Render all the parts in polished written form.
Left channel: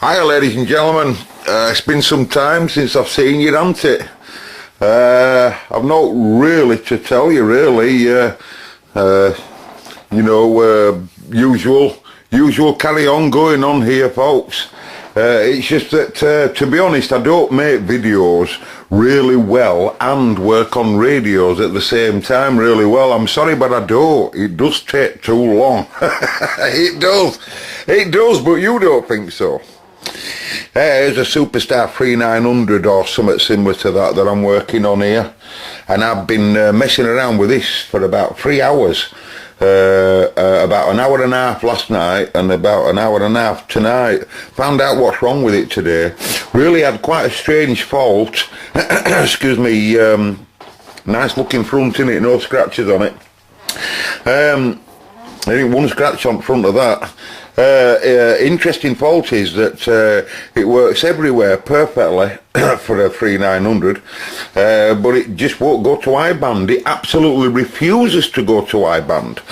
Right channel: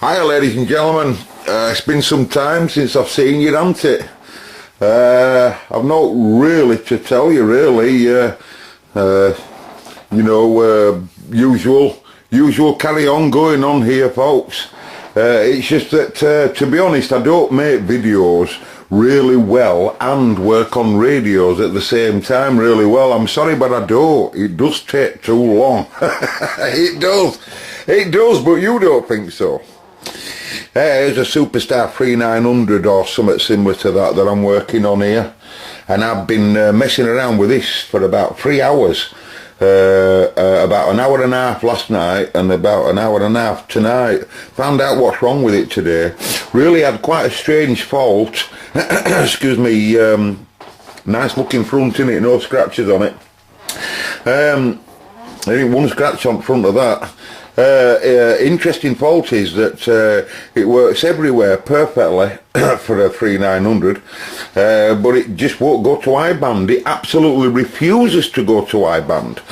Hiya ladies and gentlemen, it's been some time since I've seen you, hasn't it? I've not really to tell you really, usual carry on going on here folks. It's just that to be honest I don't make videos really well and work on radios at the same time really well. I'm sorry but I don't. It does take too long. It does, but you don't think so. Here's a Superstar 3900 or something similar to that I'm working on here, and I've been messing around with this for about 3 hours, about an hour and a half last night and about an hour and a half tonight. Found out what's wrong with it today. Really had quite a strange fault. Excuse me. Nice looking front in it, no scratches on it. There ain't one scratch on front of that. Interesting fault is that it works everywhere perfectly for a 3900, but it just won't go to I-band. It absolutely refuses to go to I-band.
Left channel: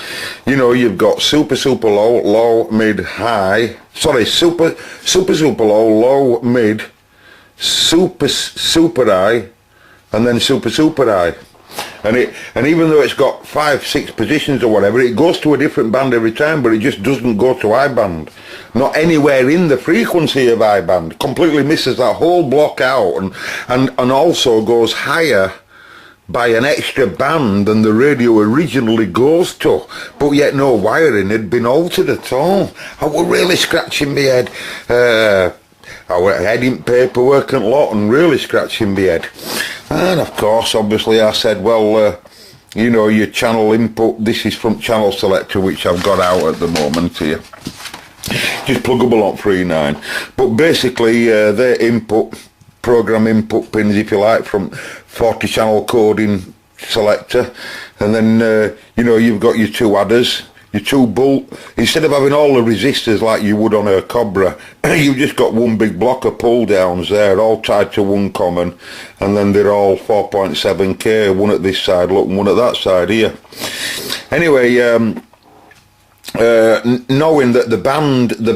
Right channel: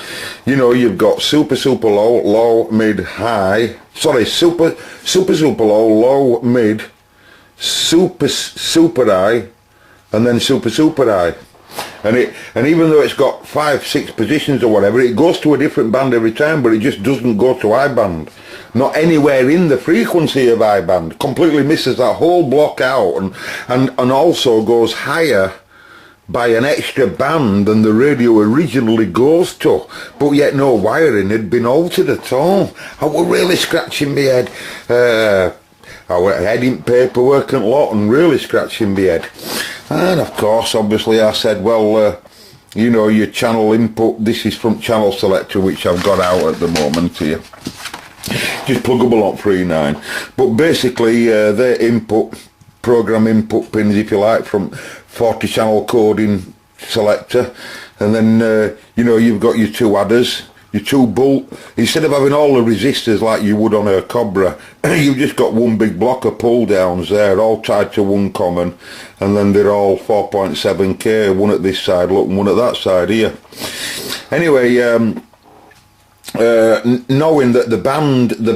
You know, you've got super low, low, mid, high. Sorry, super low, low, mid, super high, and then super high. And even though it's got 5-6 positions or whatever, it goes to a different band every time, but it just doesn't go to I-band. Not anywhere in the frequency of I-band. Completely misses that whole block out, and also goes higher by an extra band than the radio originally goes to, but yet no wiring had been altered at all. I was really scratching my head. I went ahead in paperwork and lot and really scratching my head. And of course, obviously I said, well, you know, your channel input, this is from channel selector, which I've got out at the moment here. Just pluggable on 3.9. But basically, they're input, program input pins, if you like, from 40 channel coding selector. And then, you know, you've got your two adders. Your two bolt, instead of having all the resistors like you would on a Cobra, you've just got one big block of pull downs there, all tied to one common, and then they're all 4.7K, one at this side, look, and one at that side here. Anyway, knowing that the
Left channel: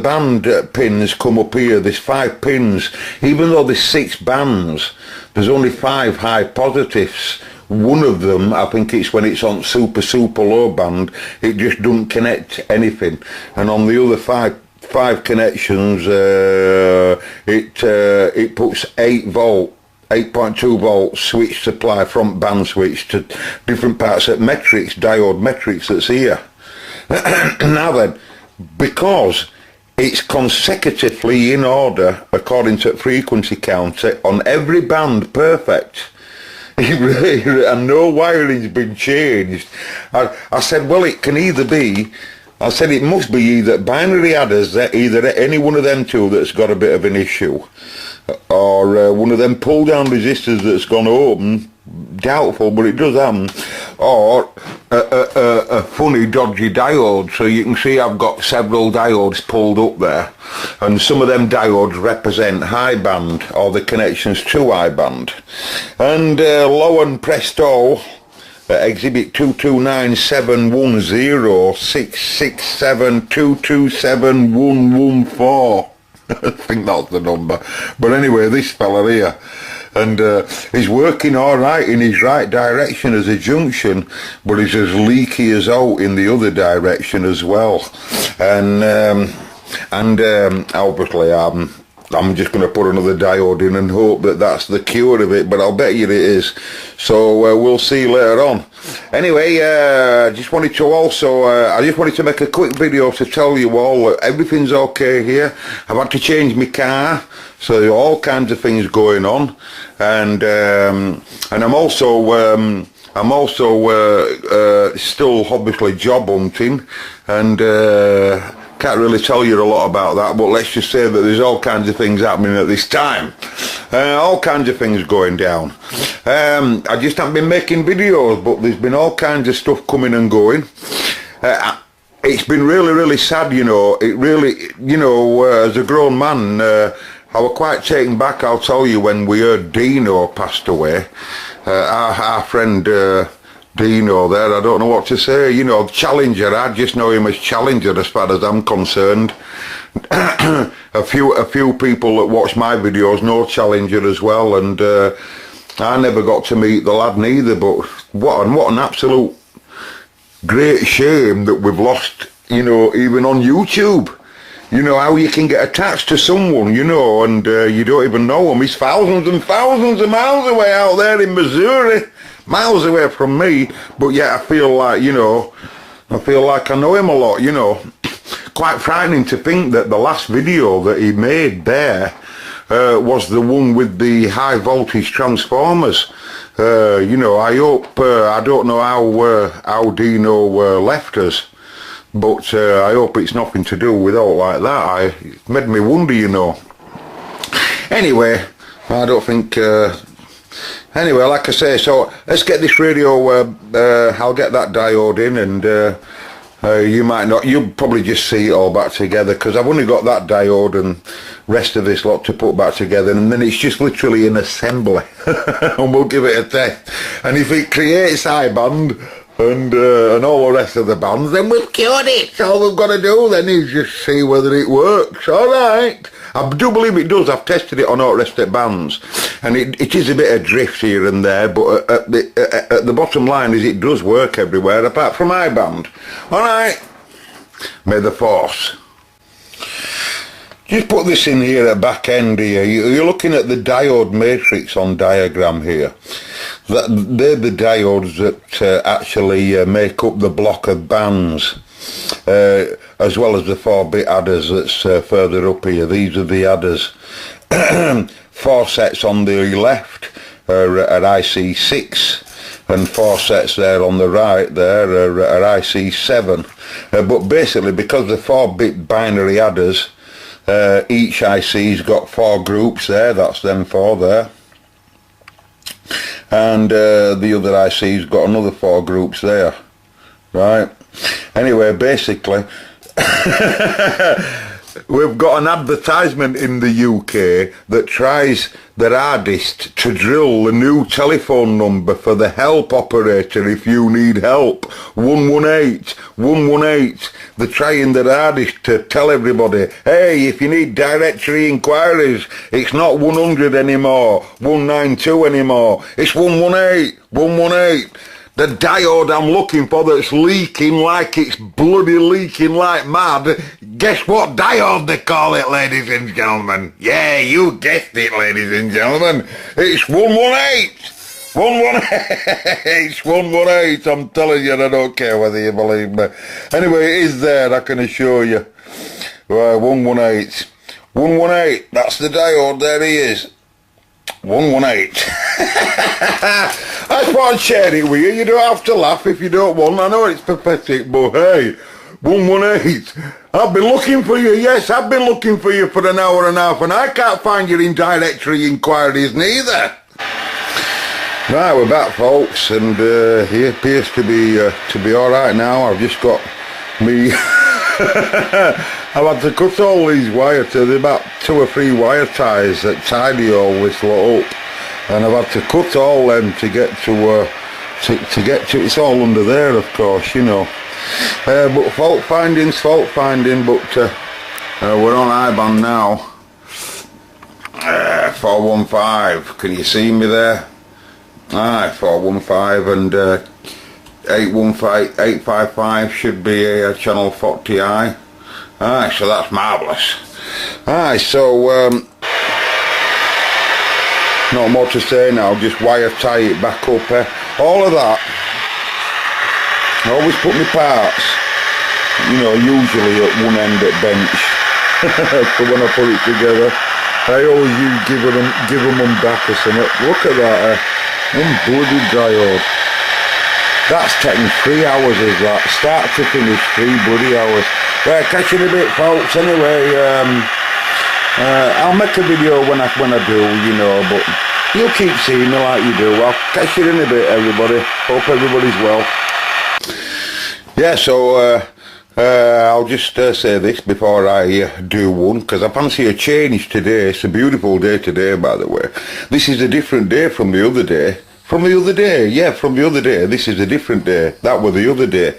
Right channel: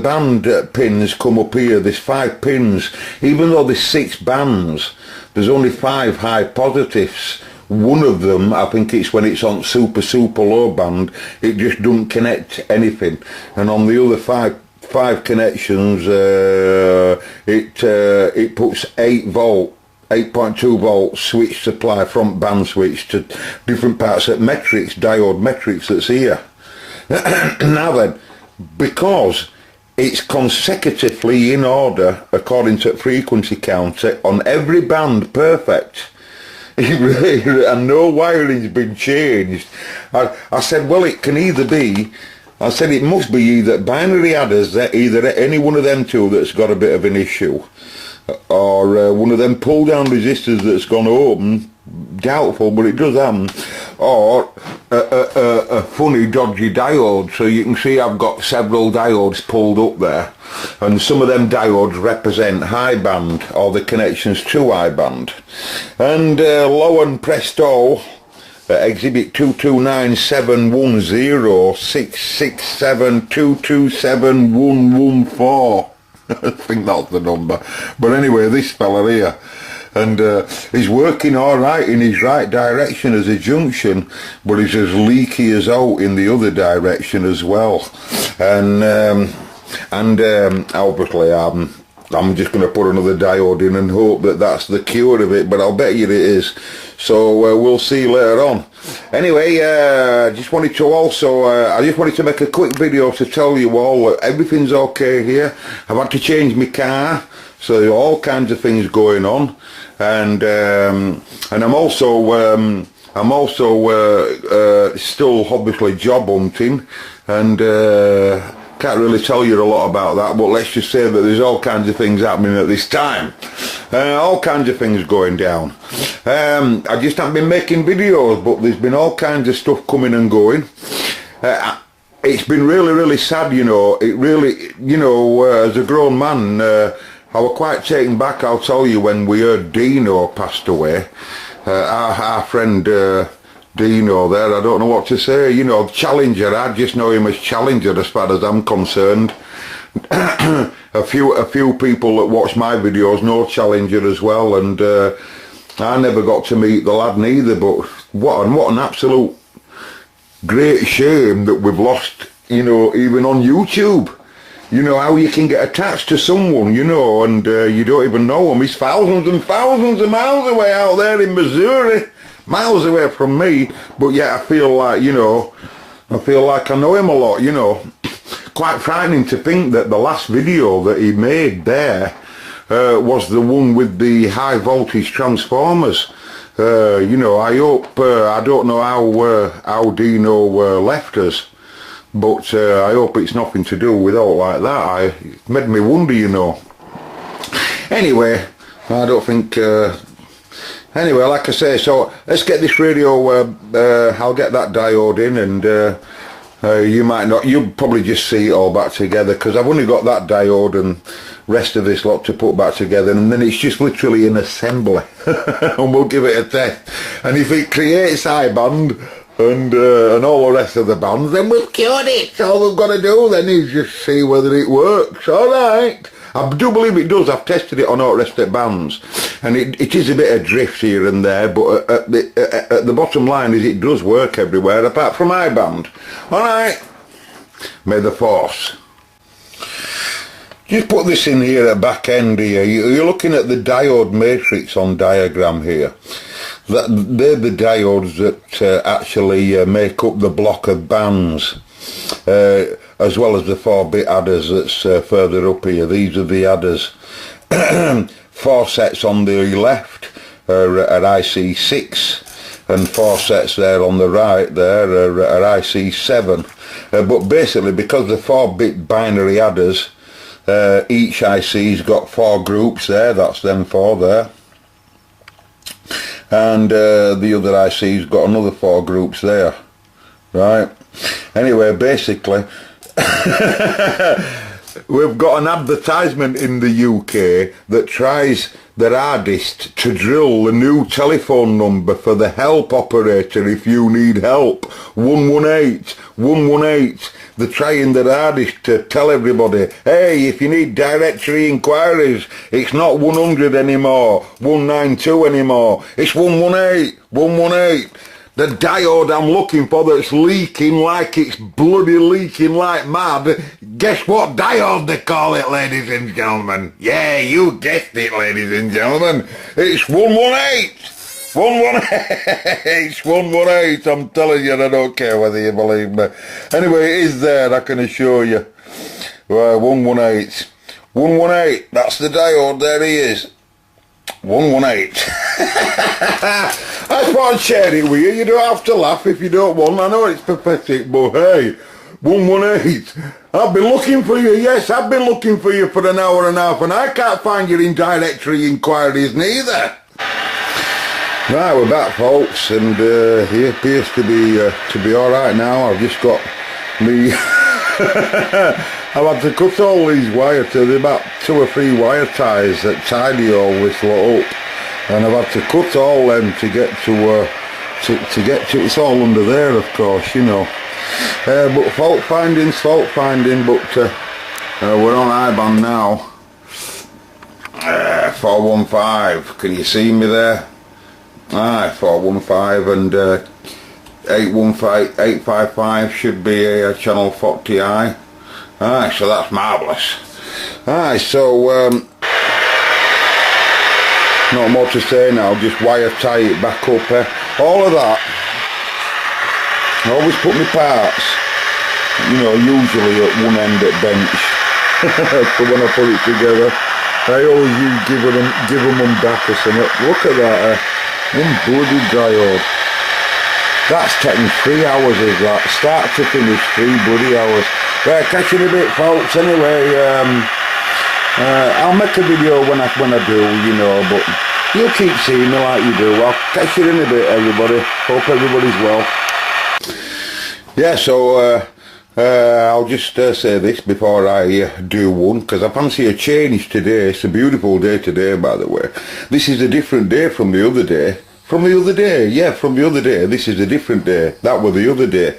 band pins come up here, there's 5 pins, even though there's 6 bands, there's only 5 high positives. One of them, I think it's when it's on super low band, it just doesn't connect anything, and on the other five connections, it puts 8.2 volt switch supply, front band switch, to different parts of diode metrics that's here. Now then, because it's consecutively in order according to frequency counter on every band, perfect. And no wiring's been changed. I said, well, it can either be, I said it must be either binary adders, either any one of them two that's got a bit of an issue, or one of them pull down resistors that's gone open, doubtful, but it does happen, or a funny dodgy diode. So you can see I've got several diodes pulled up there, and some of them diodes represent high band, or the connections to high band. And lo and presto, exhibit 229710667227114. I think that's the number. But anyway, this fella here, and he's working all right in his right direction as a junction, but he's as leaky as out in the other direction as well. And obviously I'm just going to put another diode in and hope that that's the cure of it, but I'll bet you it is. So we'll see later on. Anyway, I just wanted to make a quick video to tell you all that everything's okay here. I've had to change my car, so there are all kinds of things going on, and I'm also still obviously job hunting, and can't really tell you a lot about that, but let's just say that there's all kinds of things happening at this time. All kinds of things going down. I just haven't been making videos, but there's been all kinds of stuff coming and going. It's been really sad, you know. It really, you know, as a grown man, I was quite taken back, I'll tell you, when we heard Dino passed away. Our friend Dino there, I don't know what to say, you know, Challenger, I just know him as Challenger as far as I'm concerned. a few people that watch my videos know Challenger as well, and I never got to meet the lad neither. But what an absolute great shame that we've lost, you know, even on YouTube. You know, how you can get attached to someone, you know, and you don't even know him. He's thousands and thousands of miles away out there in Missouri, miles away from me, but yet I feel like, you know, I feel like I know him a lot, you know. Quite frightening to think that the last video that he made there was the one with the high voltage transformers. You know, I hope, I don't know how Dino left us, but I hope it's nothing to do with all like that. It made me wonder, you know. Anyway, I don't think... anyway, like I say, so let's get this radio, I'll get that diode in, and you might not, you'll probably just see it all back together, because I've only got that diode and rest of this lot to put back together, and then it's just literally an assembly, and we'll give it a test. And if it creates high band, and all the rest of the bands, then we've cured it. So all we've got to do then is just see whether it works. Alright. I do believe it does. I've tested it on all the rest of the bands, and it is a bit of drift here and there, but at the bottom line is it does work everywhere apart from my band. Alright. May the force. Just put this in here at back end here. You're looking at the diode matrix on diagram here. They're the diodes that actually make up the block of bands, as well as the 4-bit adders that's further up here. These are the adders. 4 sets on the left are at IC6, and 4 sets there on the right there are at IC7. But basically, because the 4-bit binary adders, each IC's got 4 groups there, that's them 4 there. And the other IC's got another 4 groups there, right? Anyway, basically, we've got an advertisement in the UK that tries their hardest to drill the new telephone number for the help operator if you need help. 118, 118. They're trying their hardest to tell everybody, hey, if you need directory inquiries, it's not 100 anymore, 192 anymore, it's 118, 118. The diode I'm looking for that's leaking like it's bloody leaking like mad, guess what diode they call it, ladies and gentlemen? Yeah, you guessed it, ladies and gentlemen. It's 118. 118. It's 118. I'm telling you, I don't care whether you believe me. Anyway, it is there, I can assure you. 118. 118. That's the diode. There he is. 118. I thought I'd share it with you. You don't have to laugh if you don't want. I know it's pathetic, but hey, 118. I've been looking for you. Yes, I've been looking for you for an hour and a half, and I can't find you in directory inquiries neither. Right, we're back, folks, and he appears to be all right now. I've just got me. I've had to cut all these wires to the about 2 or 3 wire ties that tidy all this lot up, and I've had to cut all them to get to it's all under there, of course, you know. But fault finding, but we're on IBAN now. 415. Can you see me there? Aye, 415 and 855 should be a channel 40i. Aye, so that's marvellous. Aye, so not more to say now, just wire tie it back up. All of that, I always put my parts, you know, usually at one end at bench. So when I put it together, I always give them back or something. Look at that, one bloody diode. That's taking 3 hours, is that? Start to finish, 3 bloody hours. Right, catch you in a bit, folks. Anyway, I'll make a video when I do, you know, but you'll keep seeing me like you do. I'll catch you in a bit, everybody. Hope everybody's well. Yeah, so I'll just say this before I do one, because I fancy a change today. It's a beautiful day today, by the way. This is a different day from the other day. From the other day, yeah, from the other day. This is a different day. That was the other day.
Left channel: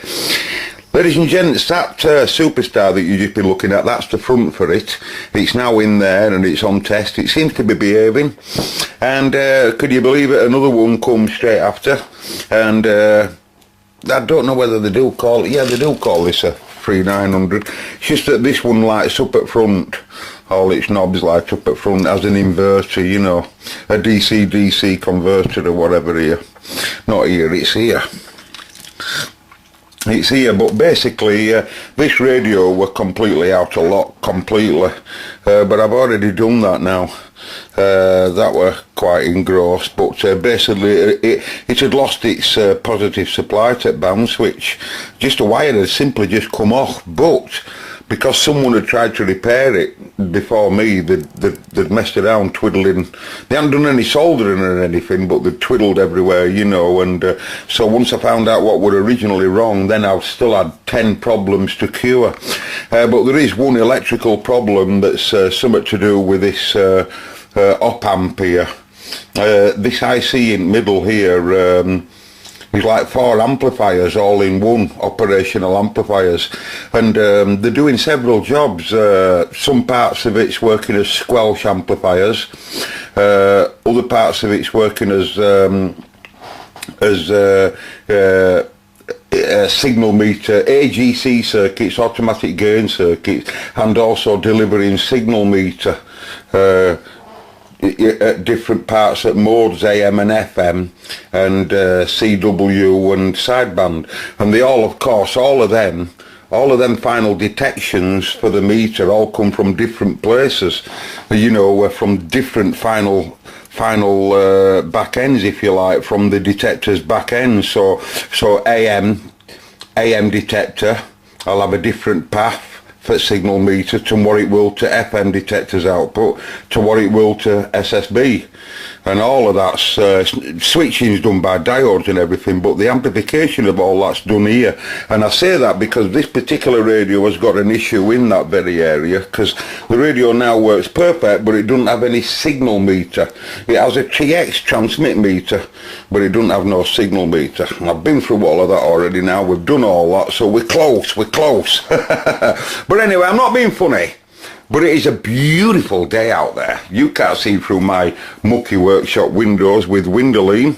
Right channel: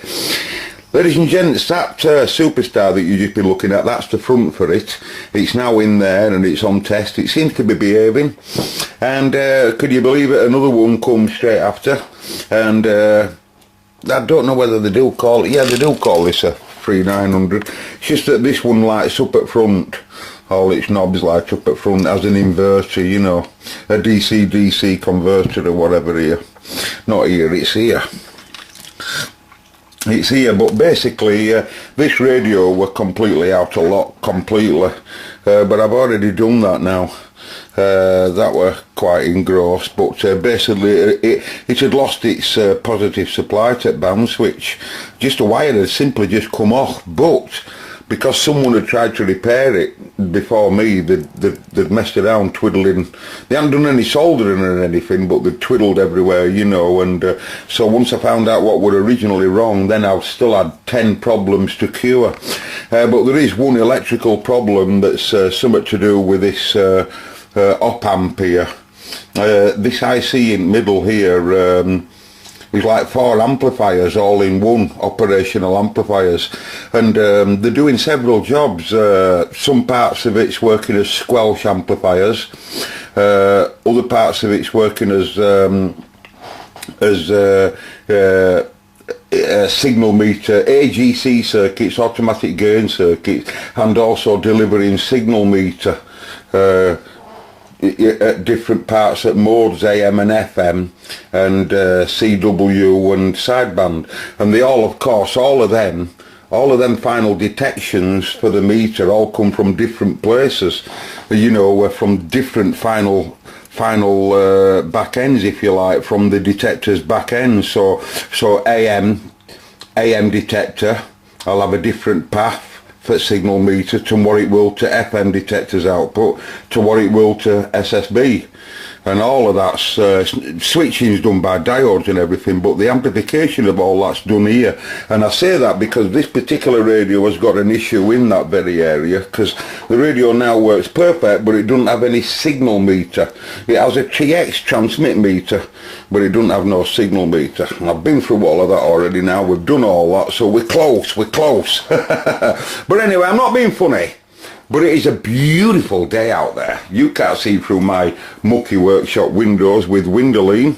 Ladies and gents, that Superstar that you've just been looking at, that's the front for it. It's now in there and it's on test. It seems to be behaving. And could you believe it, another one comes straight after. And I don't know whether they do call it, yeah, they do call this a 3900. It's just that this one lights up at front. All its knobs light up at front as an inverter, you know, a DC-DC converter or whatever here. Not here, it's here. It's here, but basically this radio were completely out of lock, completely. But I've already done that now. That were quite engrossed, but basically it had lost its positive supply to band switch. Just a wire had simply just come off, but because someone had tried to repair it before me, they'd messed around twiddling. They hadn't done any soldering or anything, but they'd twiddled everywhere, you know, and so once I found out what were originally wrong, then I still had 10 problems to cure. But there is one electrical problem that's something to do with this op amp here. This IC in middle here is like 4 amplifiers all in one, operational amplifiers, and they're doing several jobs. Some parts of it's working as squelch amplifiers, other parts of it's working as signal meter, AGC circuits, automatic gain circuits, and also delivering signal meter at different parts at modes AM and FM and CW and sideband, and they all, of course, all of them final detections for the meter all come from different places, you know, from different final back ends, if you like, from the detector's back end. So AM detector, I'll have a different path for signal meter to what it will to FM detector's output, to what it will to SSB, and all of that's switching is done by diodes and everything, but the amplification of all that's done here. And I say that because this particular radio has got an issue in that very area, because the radio now works perfect, but it doesn't have any signal meter. It has a TX transmit meter, but it doesn't have no signal meter. And I've been through all of that already now. We've done all that, so we're close. But anyway, I'm not being funny. But it is a beautiful day out there. You can't see through my mucky workshop windows with Windowline.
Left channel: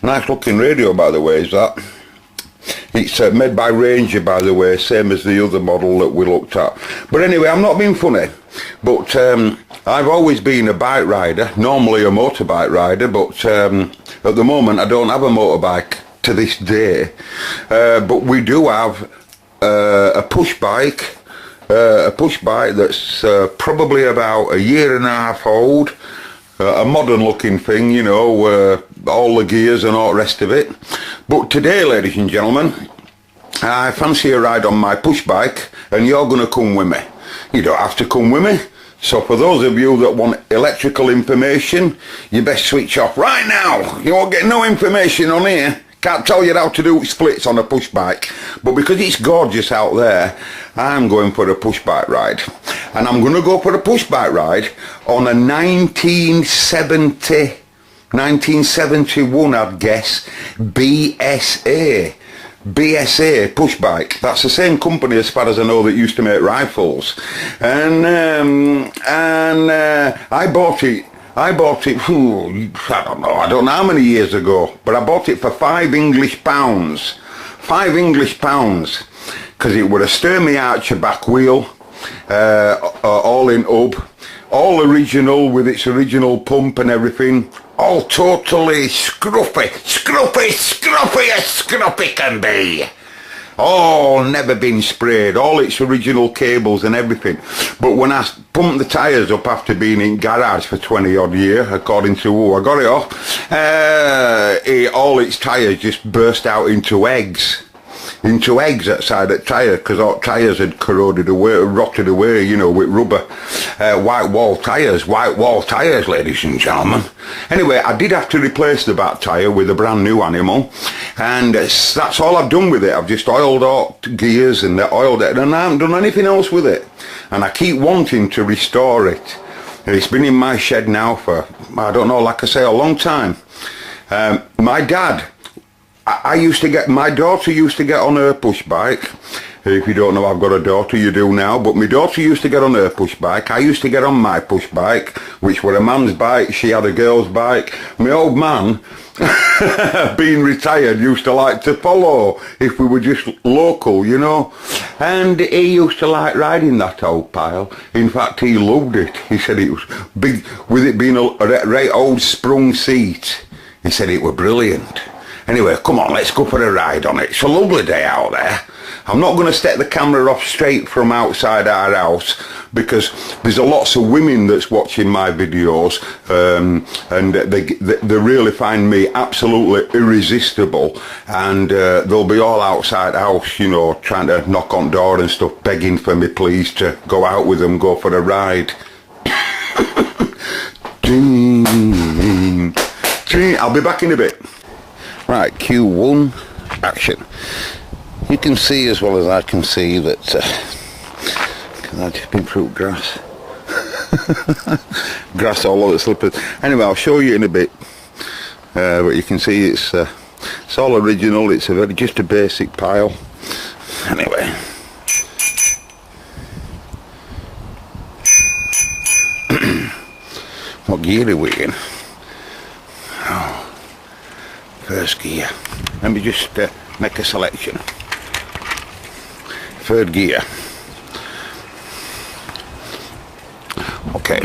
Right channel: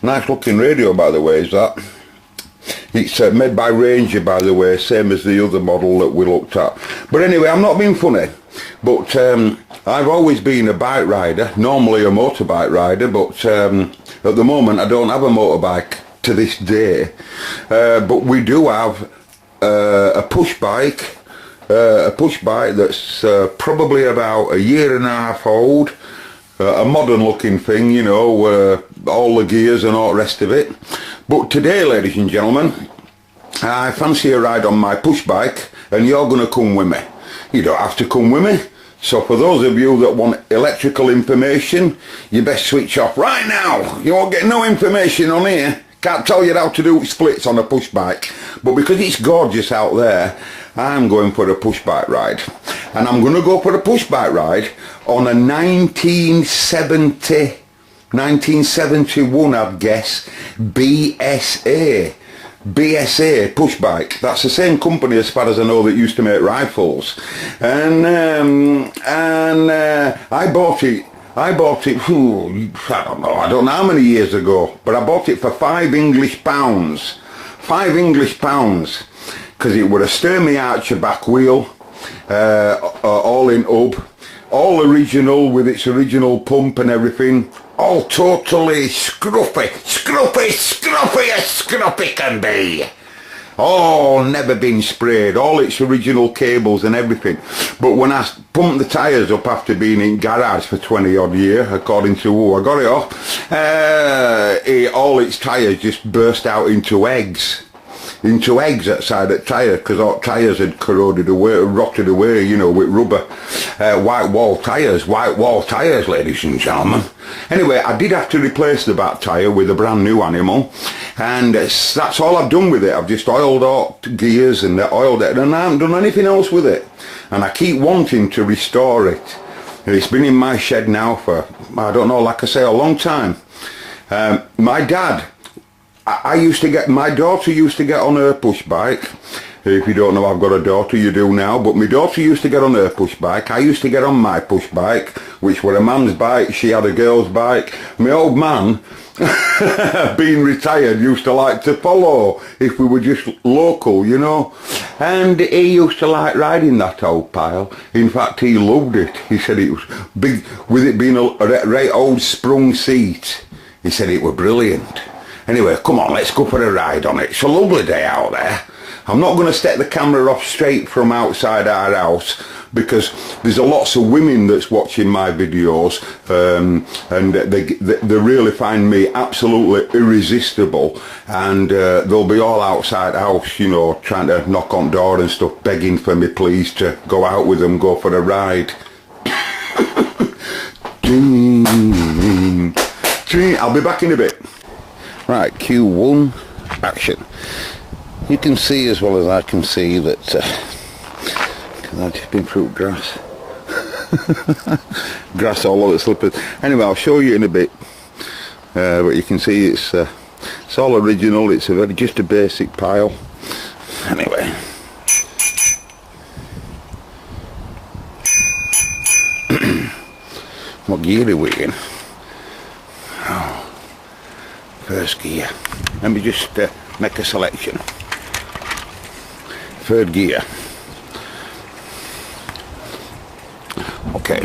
Nice looking radio, by the way, is that. It's made by Ranger, by the way, same as the other model that we looked at. But anyway, I'm not being funny. But I've always been a bike rider, normally a motorbike rider, but at the moment I don't have a motorbike to this day. But we do have a push bike. A push bike that's probably about a year and a half old, a modern looking thing, you know, all the gears and all the rest of it. But today, ladies and gentlemen, I fancy a ride on my push bike, and you're going to come with me. You don't have to come with me. So for those of you that want electrical information, you best switch off right now. You won't get no information on here. Can't tell you how to do splits on a push bike, but because it's gorgeous out there, I'm going for a push bike ride. And I'm going to go for a push bike ride on a 1971, I'd guess, BSA push bike. That's the same company, as far as I know, that used to make rifles. And I bought it, I don't know how many years ago, but I bought it for £5 English. £5 English, because it would a Sturmey Archer back wheel, all in hub, all original with its original pump and everything, all totally scruffy as scruffy can be. All never been sprayed, all its original cables and everything. But when I pumped the tyres up after being in garage for 20 odd years, according to who I got it off, all its tyres just burst out into eggs outside that tyre, because all tyres had corroded away, rotted away, you know, with rubber. White wall tyres, ladies and gentlemen. Anyway, I did have to replace the back tyre with a brand new animal, and that's all I've done with it. I've just oiled all gears and oiled it, and I haven't done anything else with it. And I keep wanting to restore it. And it's been in my shed now for, I don't know, like I say, a long time. My dad I used to get, my daughter used to get on her push bike. If you don't know, I've got a daughter, you do now, but my daughter used to get on her push bike. I used to get on my push bike, which were a man's bike. She had a girl's bike. My old man, being retired, used to like to follow if we were just local, you know. And he used to like riding that old pile. In fact, he loved it. He said it was big, with it being a right old sprung seat. He said it were brilliant. Anyway, come on, let's go for a ride on it. It's a lovely day out there. I'm not going to set the camera off straight from outside our house because there's lots of women that's watching my videos and they really find me absolutely irresistible, and they'll be all outside house, you know, trying to knock on door and stuff, begging for me please to go out with them, go for a ride. I'll be back in a bit. Right, Q1, action. You can see as well as I can see that because I've just been through grass. Grass all over the slippers. Anyway, I'll show you in a bit. But you can see it's all original. It's just a basic pile. Anyway. What gear are we in? Oh, first gear. Let me just make a selection. Third gear. Okay.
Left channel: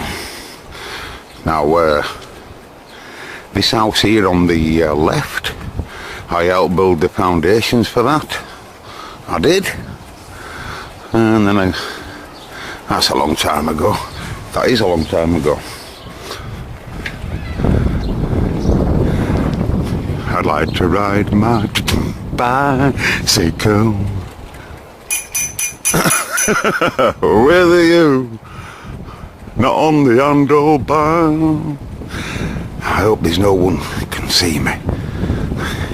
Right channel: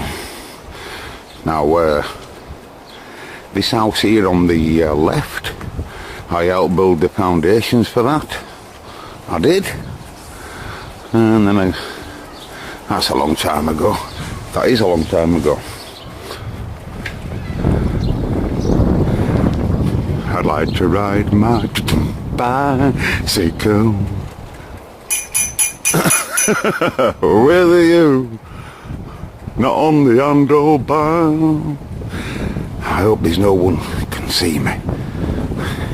Now, this house here on the left, I helped build the foundations for that. I did. And then that's a long time ago. That is a long time ago. I'd like to ride my bicycle with you, not on the handlebar. I hope there's no one can see me.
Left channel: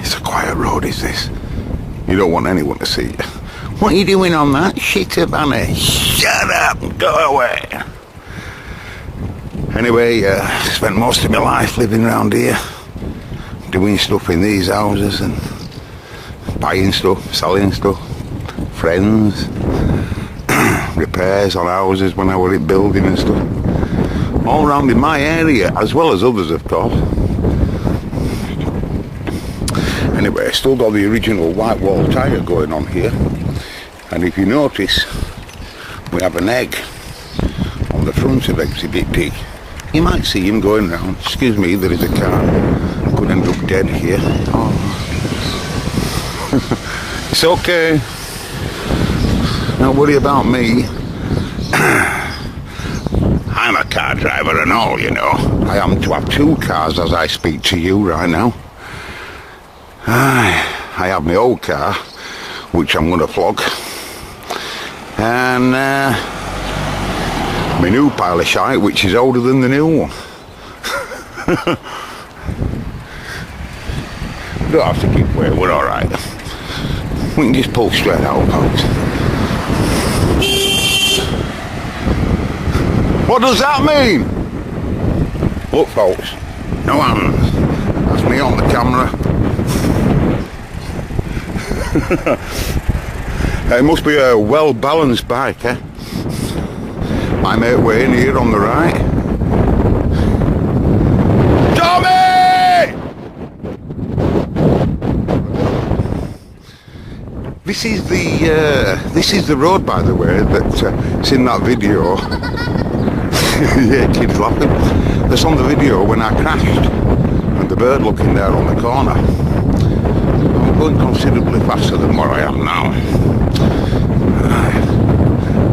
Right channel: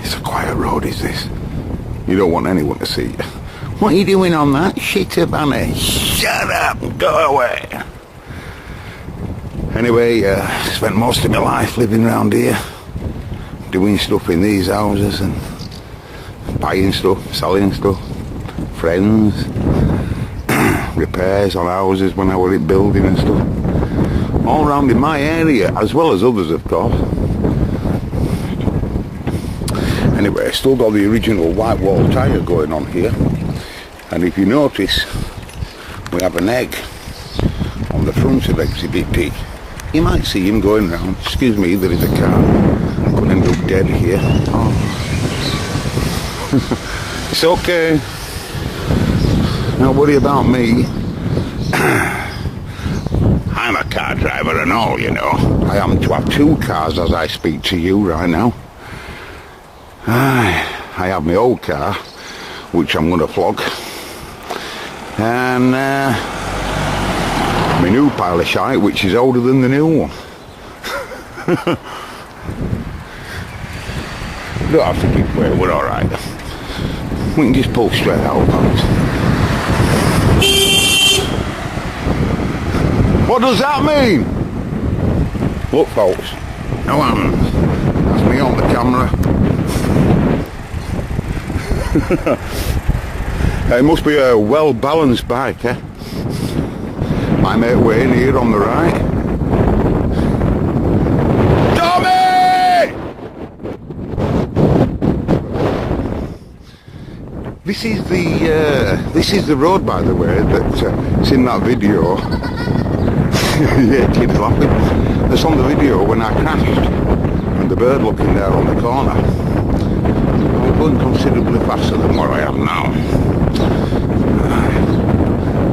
It's a quiet road, is this? You don't want anyone to see you. What are you doing on that shit, Bunny? Shut up and go away. Anyway, spent most of my life living around here, doing stuff in these houses and buying stuff, selling stuff, friends, repairs on houses when I was in building and stuff. All around in my area, as well as others, of course. Anyway, still got the original white wall tyre going on here. And if you notice, we have an egg on the front of Exhibit D. You might see him going round. Excuse me, there is a car. Could end up dead here. Oh. It's okay. Don't worry about me. I'm a car driver and all, you know. I happen to have two cars as I speak to you right now. I have my old car, which I'm going to flog. And my new pile of shite, which is older than the new one. We don't have to give way, we're alright. We can just pull straight out, folks. What does that mean? Look, folks, no hands. That's me on the camera. It must be a well-balanced bike, eh? My mate Wayne here on the right. Tommy! This is the road, by the way, that's in that video. Yeah, kid's laughing. That's on the video when I crashed, and the bird looking there on the corner. I'm going considerably faster than what I am now.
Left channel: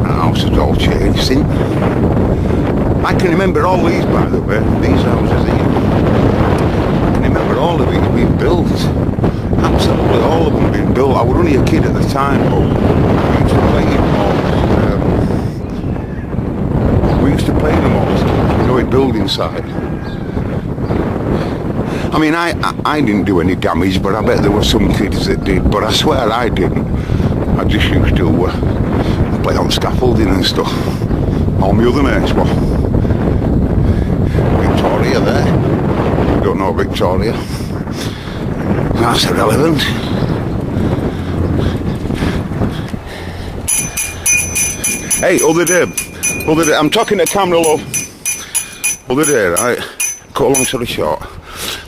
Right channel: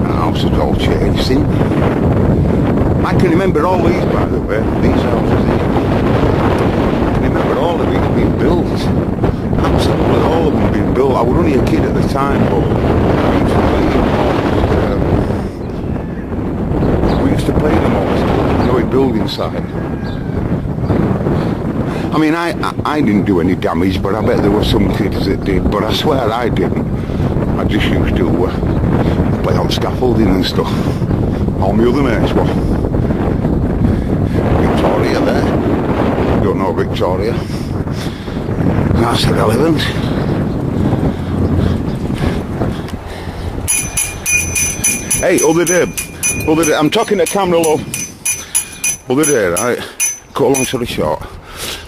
The house has all changed since. I can remember all these, by the way, these houses here. I can remember all of these being built. Absolutely all of them being built. I was only a kid at the time, but we used to play in them all. We used to play in them all as kids, you know, in building side. I mean, I didn't do any damage, but I bet there were some kids that did, but I swear I didn't. I just used to play on scaffolding and stuff. All my other mates were. Victoria there. You don't know Victoria. That's irrelevant. Hey, other day, I'm talking to camera, love. Other day, right, cut a long story short,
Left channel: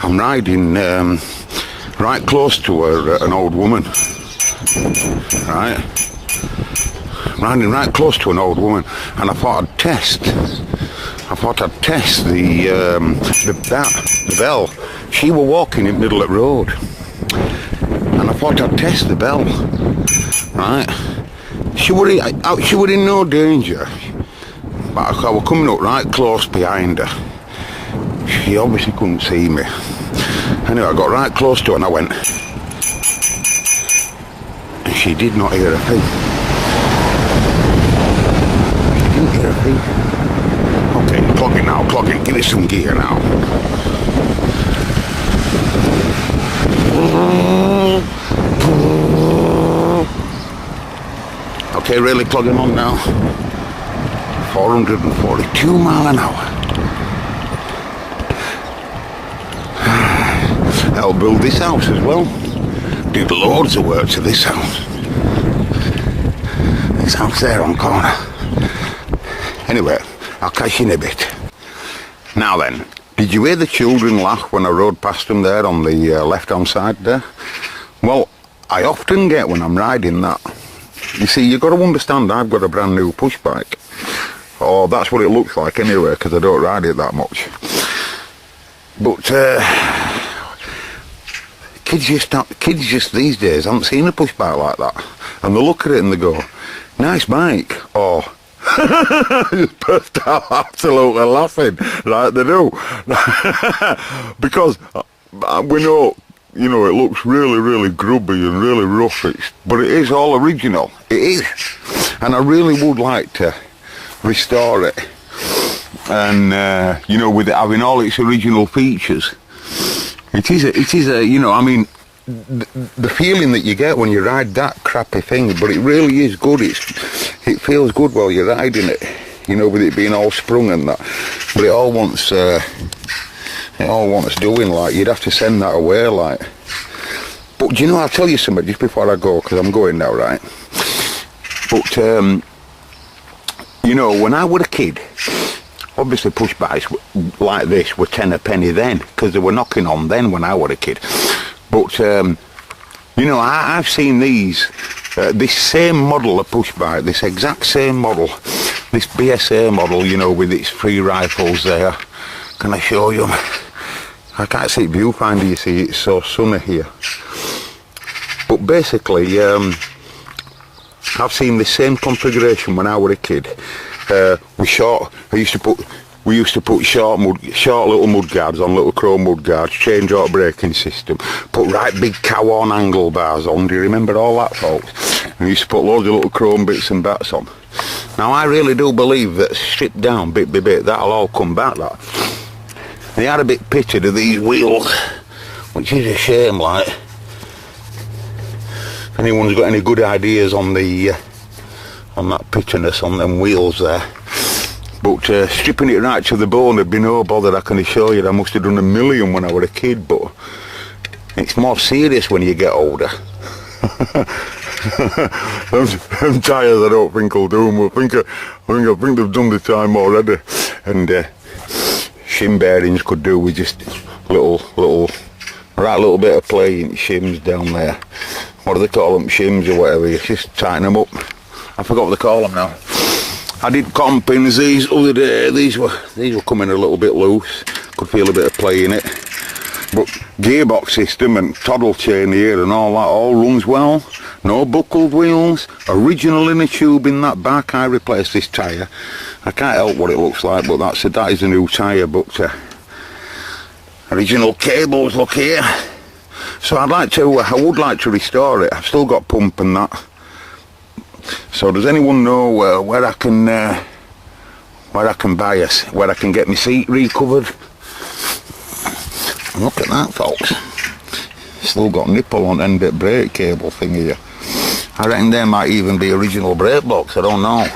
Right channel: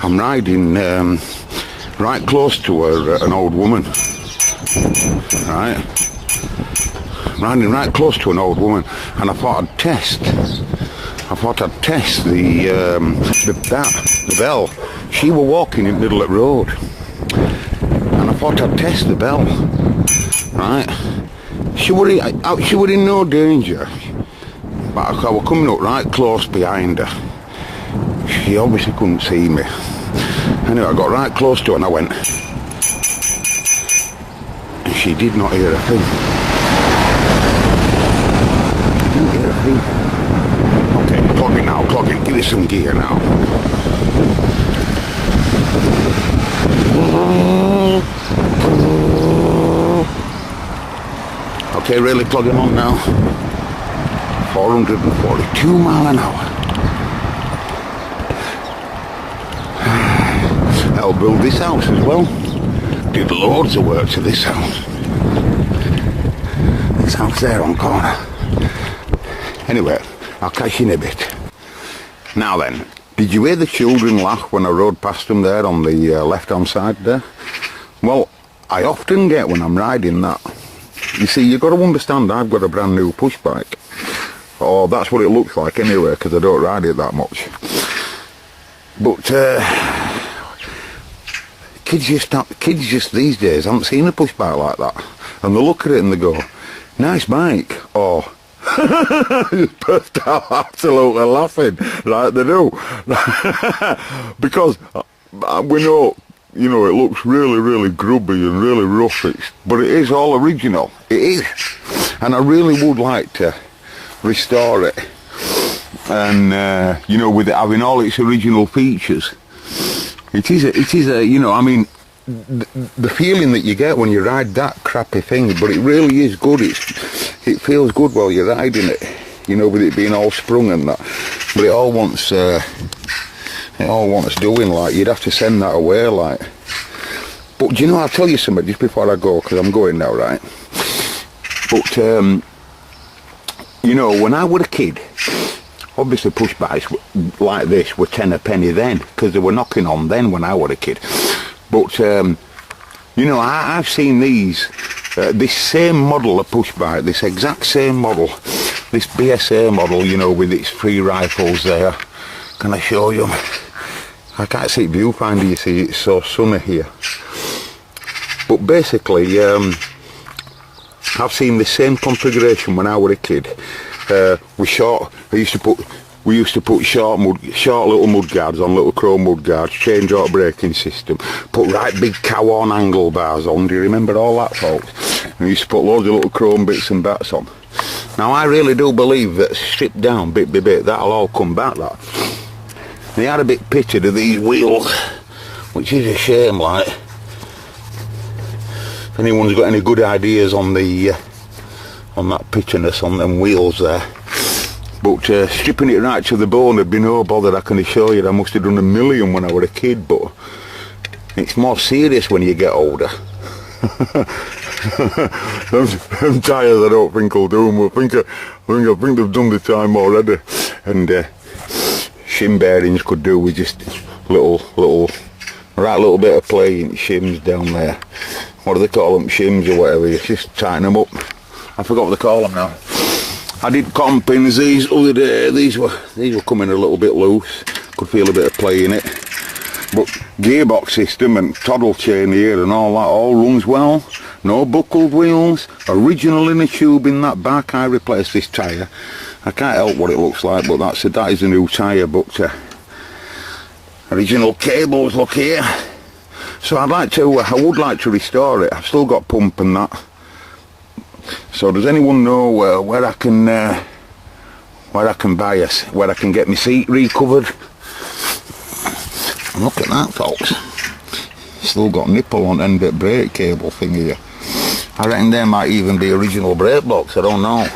I'm riding right close to an old woman, right? I'm riding right close to an old woman, and I thought I'd test the bell. She were walking in the middle of the road, and I thought I'd test the bell, right? She were in no danger, but I was coming up right close behind her. She obviously couldn't see me. Anyway, I got right close to her and I went, and she did not hear a thing. She didn't hear a thing. Okay, clog it now, clog it, give it some gear now. Okay, really clogging on now. 442 mile an hour. Helped build this house as well. Did loads of work to this house. This house there on corner. Anyway, I'll catch you in a bit. Now then, did you hear the children laugh when I rode past them there on the left-hand side there? Well, I often get when I'm riding that. You see, you've got to understand I've got a brand new push bike. Or that's what it looks like anyway, because I don't ride it that much. But kids just these days haven't seen a push bike like that. And they look at it and they go, nice bike. Or, just burst out absolutely laughing, like they do. Because we know, you know, it looks really, really grubby and really rough, but it is all original. It is. And I really would like to restore it. And, you know, with it having all its original features. It is a, you know, I mean, the feeling that you get when you ride that crappy thing, but it really is good. It feels good while you're riding it, you know, with it being all sprung and that. But it all wants doing, like, you'd have to send that away, like. But do you know, I'll tell you something just before I go, because I'm going now, right? But, you know, when I was a kid, obviously push bikes like this were 10 a penny then, because they were knocking on then when I was a kid. But, you know, I've seen these, this same model of push bike, this exact same model, this BSA model, you know, with its 3 rifles there. Can I show you? I can't see viewfinder, you see, it's so sunny here. But basically, I've seen the same configuration when I was a kid. We used to put short little mud guards on, little chrome mud guards, change out braking system, put right big cow-horn angle bars on. Do you remember all that, folks? And we used to put loads of little chrome bits and bats on. Now I really do believe that stripped down bit by bit, that'll all come back, that. They had a bit pitted of these wheels, which is a shame, like. If anyone's got any good ideas on the on that pitchiness on them wheels there. But stripping it right to the bone would be no bother, I can assure you. I must have done a million when I was a kid, but it's more serious when you get older. them tyres I don't think will do them. I think they've done the time already. And shim bearings could do with just little bit of play in shims down there. What do they call them? Shims or whatever. You just tighten them up. I forgot what they call them now. I did cotton pins these other day. These were coming a little bit loose. Could feel a bit of play in it. But gearbox system and toddle chain here and all that all runs well. No buckled wheels. Original inner tube in that back. I replaced this tyre. I can't help what it looks like, but that is a new tyre. But original cables, look here. So I would like to restore it. I've still got pump and that. So does anyone know where I can buy where I can get my seat recovered? Look at that, folks. Still got nipple on end of brake cable thing here. I reckon there might even be original brake box. I don't know.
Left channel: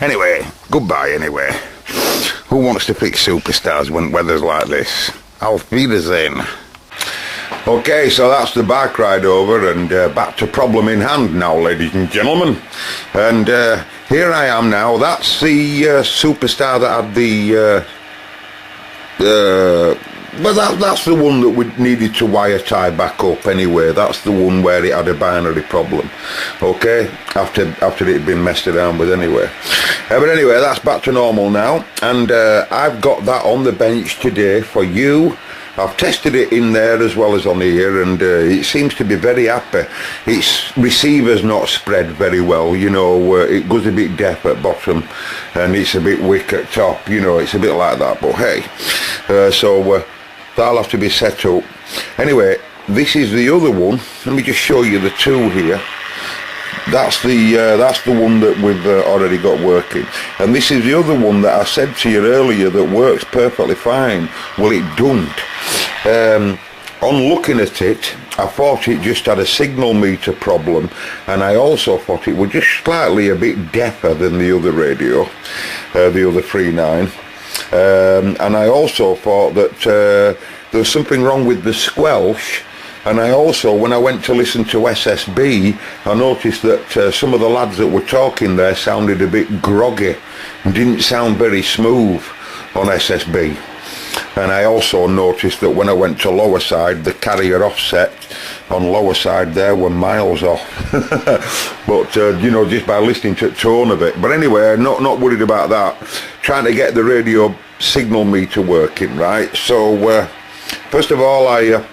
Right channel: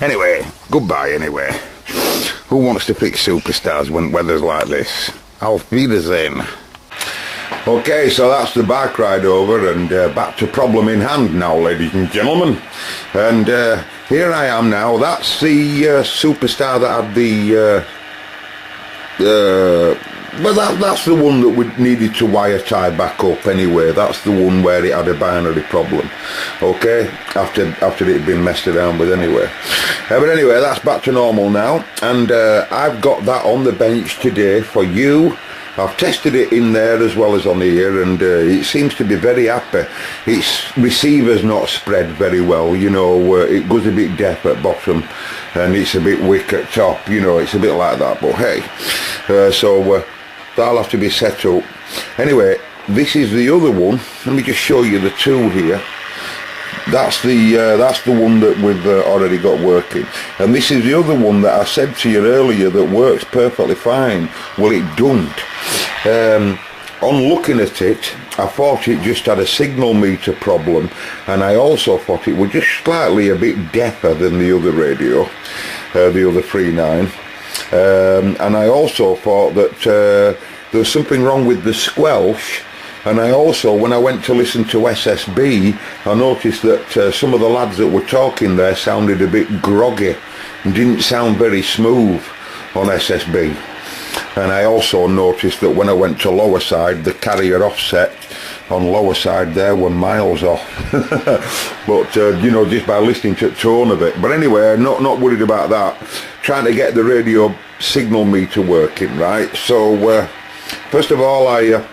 Anyway, goodbye anyway. Who wants to fix superstars when weather's like this? Auf Wiedersehen. Okay, so that's the bike ride over, and back to problem in hand now, ladies and gentlemen. And here I am now. That's the Superstar that had the well, that's the one that we needed to wire tie back up anyway. That's the one where it had a binary problem, okay, after it had been messed around with anyway. But anyway, that's back to normal now, and I've got that on the bench today for you. I've tested it in there as well as on here, and it seems to be very happy. Its receiver's not spread very well, you know, it goes a bit deaf at bottom and it's a bit wick at top, you know, it's a bit like that, but hey, so that'll have to be set up. Anyway, this is the other one. Let me just show you the two here. That's the one that we've already got working, and this is the other one that I said to you earlier that works perfectly fine. Well, it don't. On looking at it, I thought it just had a signal meter problem, and I also thought it was just slightly a bit deafer than the other radio, the other 3.9, and I also thought that there was something wrong with the squelch. And I also, when I went to listen to SSB, I noticed that some of the lads that were talking there sounded a bit groggy and didn't sound very smooth on SSB. And I also noticed that when I went to lower side, the carrier offset on lower side there were miles off. But you know, just by listening to the tone of it. But anyway, not worried about that. Trying to get the radio signal meter working, right? So first of all, I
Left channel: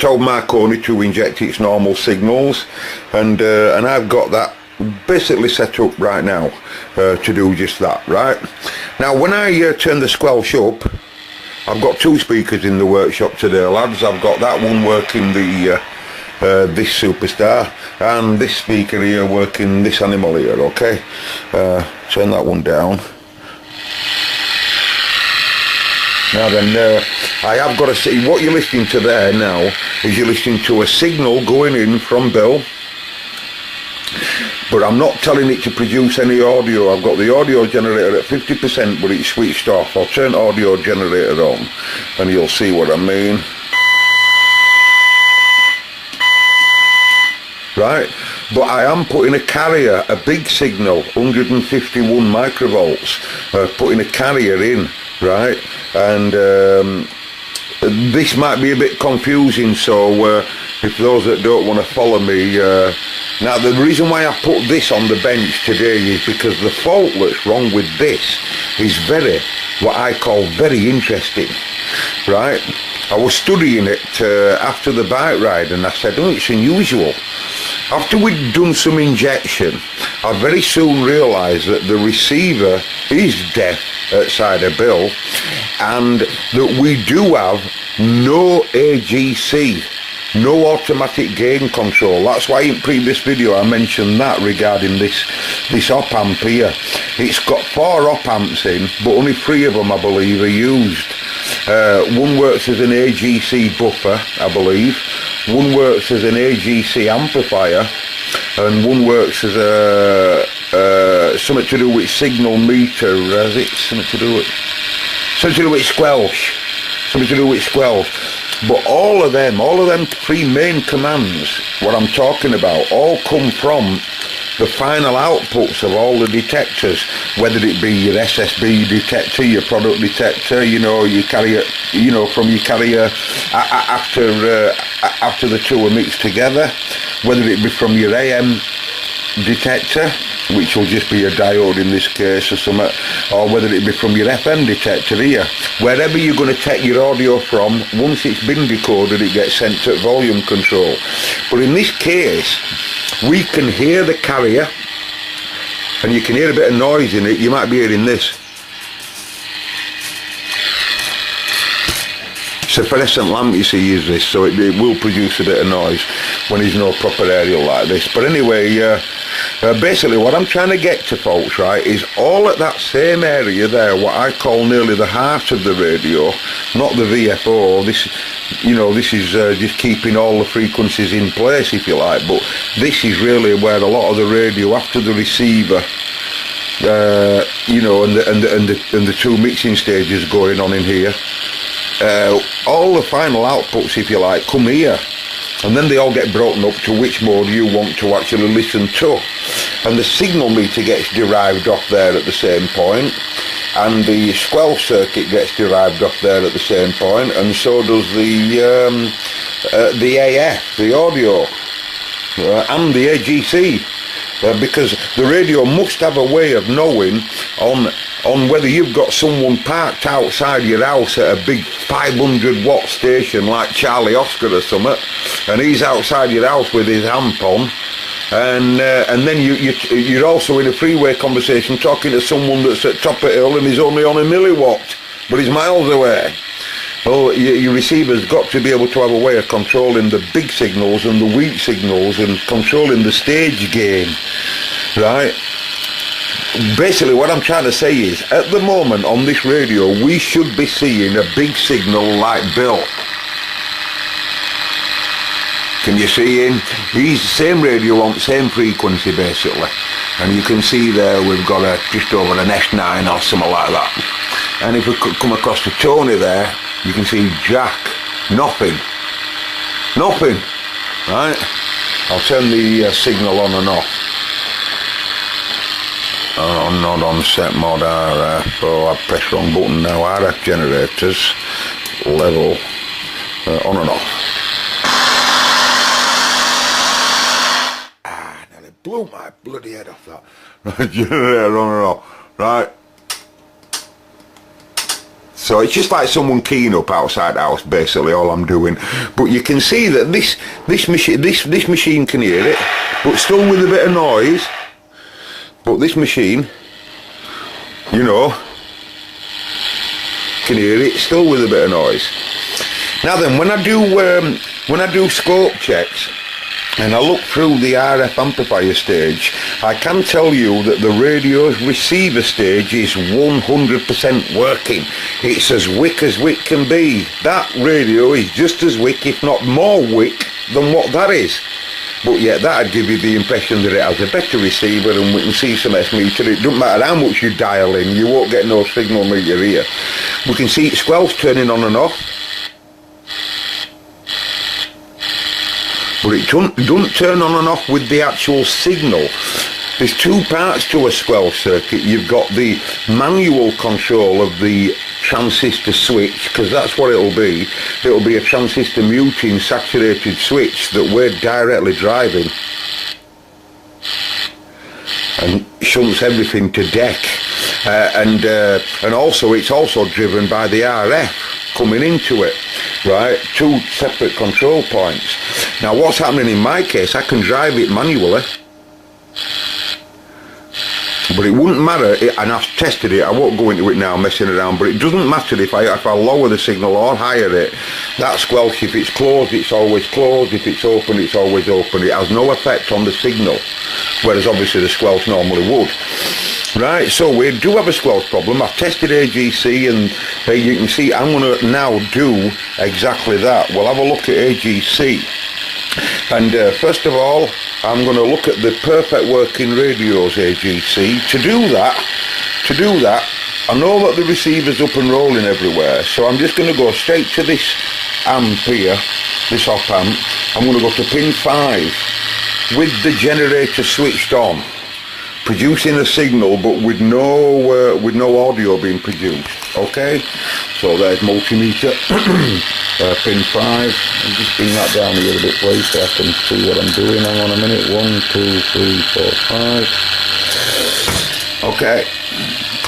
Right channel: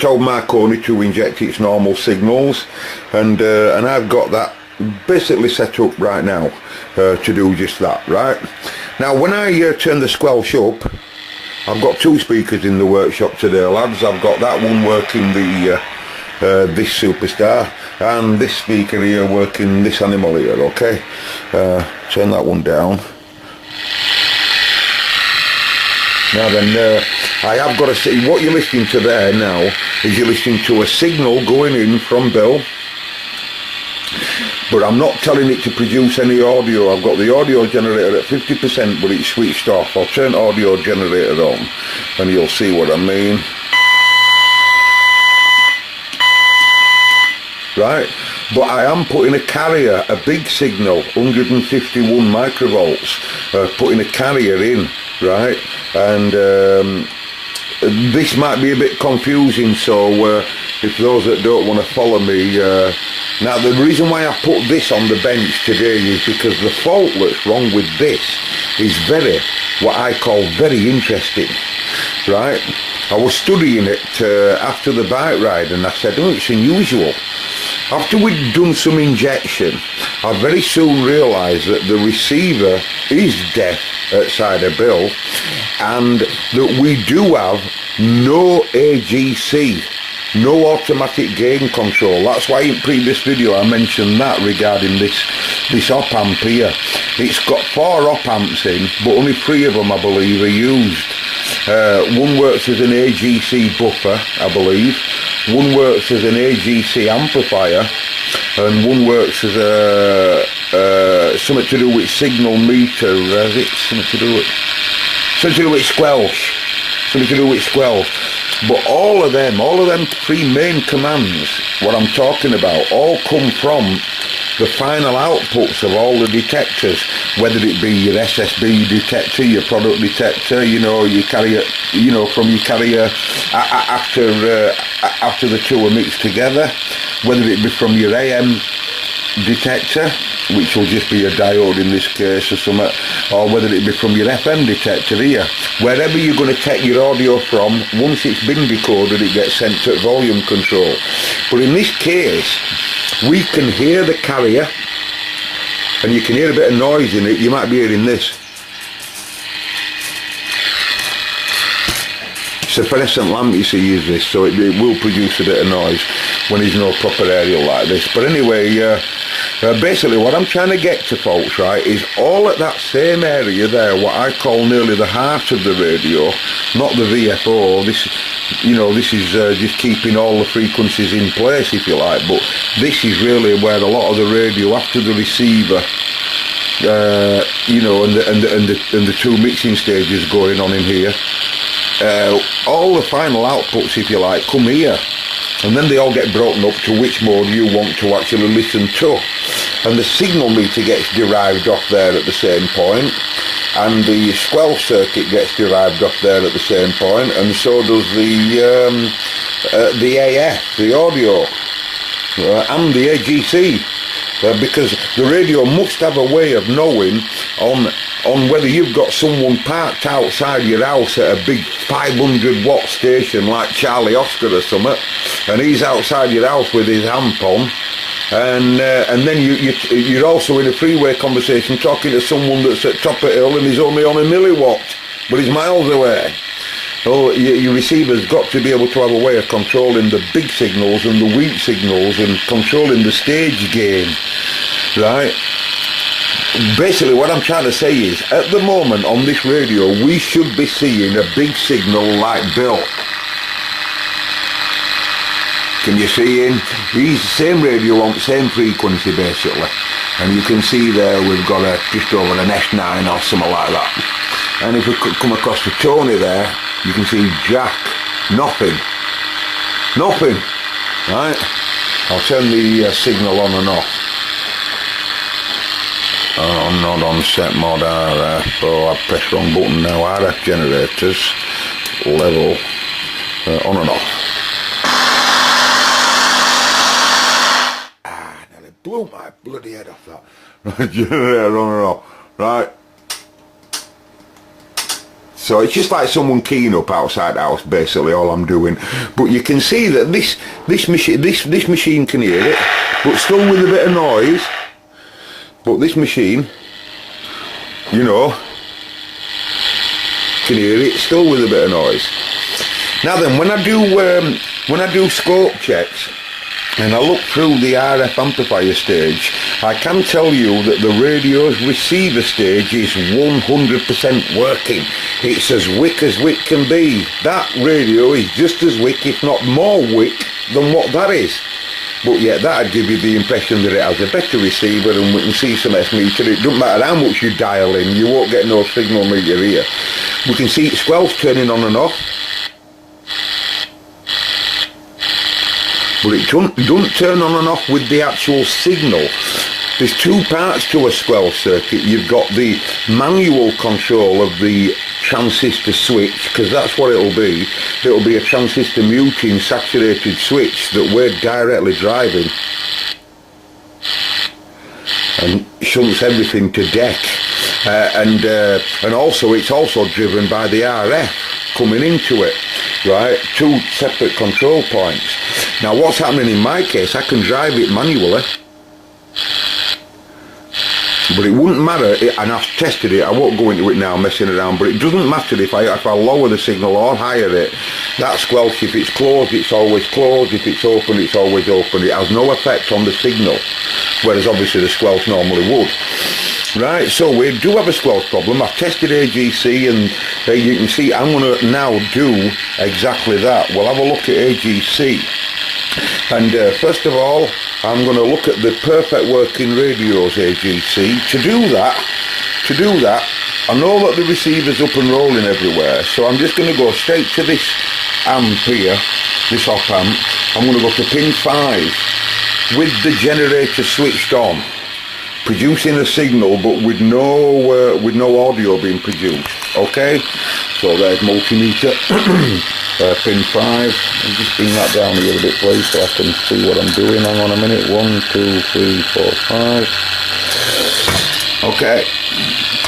told Marconi to inject its normal signals, and I've got that basically set up right now to do just that, right? Now when I turn the squelch up, I've got two speakers in the workshop today, lads. I've got that one working the this Superstar, and this speaker here working this animal here, okay? Turn that one down. Now then, I have got to see, what you're listening to there now is you're listening to a signal going in from Bill, but I'm not telling it to produce any audio. I've got the audio generator at 50%, but it's switched off. I'll turn audio generator on and you'll see what I mean. Right, but I am putting a carrier, a big signal, 151 microvolts, putting a carrier in, right? And this might be a bit confusing, so if those that don't want to follow me, now the reason why I put this on the bench today is because the fault that's wrong with this is what I call very interesting, right? I was studying it after the bike ride, and I said, oh, it's unusual. After we'd done some injection, I very soon realised that the receiver is deaf outside of Bill, and that we do have no AGC, no automatic gain control. That's why in previous video I mentioned that regarding this op amp here. It's got 4 op amps in, but only 3 of them I believe are used. One works as an AGC buffer, I believe. One works as an AGC amplifier, and one works as a something to do with signal meter. Has it something to do with squelch? Something to do with squelch. But all of them 3 main commands, what I'm talking about, all come from the final outputs of all the detectors, whether it be your SSB detector, your product detector, you know, your carrier, you know, from your carrier after the two are mixed together, whether it be from your AM detector, which will just be a diode in this case or something, or whether it be from your FM detector here. Wherever you're going to take your audio from, once it's been decoded, it gets sent to volume control. But in this case, we can hear the carrier, and you can hear a bit of noise in it. You might be hearing this. It's a fluorescent lamp, you see, is this, so it will produce a bit of noise when there's no proper aerial like this. But anyway, basically what I'm trying to get to, folks, right, is all at that same area there, what I call nearly the heart of the radio, not the VFO. This, you know, this is just keeping all the frequencies in place, if you like, but this is really where a lot of the radio after the receiver, you know, and the two mixing stages going on in here. all the final outputs, if you like, come here. And then they all get broken up to which mode you want to actually listen to. And the signal meter gets derived off there at the same point, and the squelch circuit gets derived off there at the same point, and so does the AF, the audio, and the AGC. Because the radio must have a way of knowing on whether you've got someone parked outside your house at a big 500 watt station like Charlie Oscar or something, and he's outside your house with his amp on, and then you're also in a freeway conversation talking to someone that's at top of hill and he's only on a milliwatt, but he's miles away. Well, your receiver's got to be able to have a way of controlling the big signals and the weak signals and controlling the stage gain, right? Basically what I'm trying to say is, at the moment on this radio, we should be seeing a big signal like Bill. Can you see him? He's the same radio on the same frequency basically. And you can see there we've got just over an S9 or something like that. And if we could come across to Tony there, you can see Jack. Nothing. Nothing. Right? I'll turn the signal on and off. Oh, not on set mode RF. Oh, I pressed wrong button now. RF generators. Level. On and off. Nearly blew my bloody head off that. Generator on and off. Right. So it's just like someone keying up outside the house, basically, all I'm doing. But you can see that this machine can hear it, but still with a bit of noise. But this machine, you know, can hear it still with a bit of noise. Now then, when I do scope checks and I look through the RF amplifier stage, I can tell you that the radio's receiver stage is 100% working. It's as wick as wick can be. That radio is just as wick, if not more wick, than what that is. But yet that'd give you the impression that it has a better receiver, and we can see some S-meter. It doesn't matter how much you dial in, you won't get no signal meter here. We can see its squelch turning on and off. But it doesn't turn on and off with the actual signal. There's two parts to a squelch circuit. You've got the manual control of the transistor switch, because that's what it'll be. It'll be a transistor muting saturated switch that we're directly driving, and shunts everything to deck. And also it's also driven by the RF coming into it, right? Two separate control points. Now what's happening in my case, I can drive it manually, but it wouldn't matter, and I've tested it, I won't go into it now messing around, but it doesn't matter if I lower the signal or higher it. That squelch, if it's closed, it's always closed. If it's open, it's always open. It has no effect on the signal, whereas obviously the squelch normally would. Right, so we do have a squelch problem. I've tested AGC, and you can see I'm going to now do exactly that. We'll have a look at AGC. And first of all, I'm going to look at the perfect working radios AGC. To do that, I know that the receiver's up and rolling everywhere, so I'm just going to go straight to this amp here, this op amp. I'm going to go to pin 5 with the generator switched on, producing a signal but with no audio being produced. Okay, so there's multimeter. Pin 5. I'll just bring that down a little bit, please, so I can see what I'm doing. Hang on a minute. 1, 2, 3, 4, 5. Okay,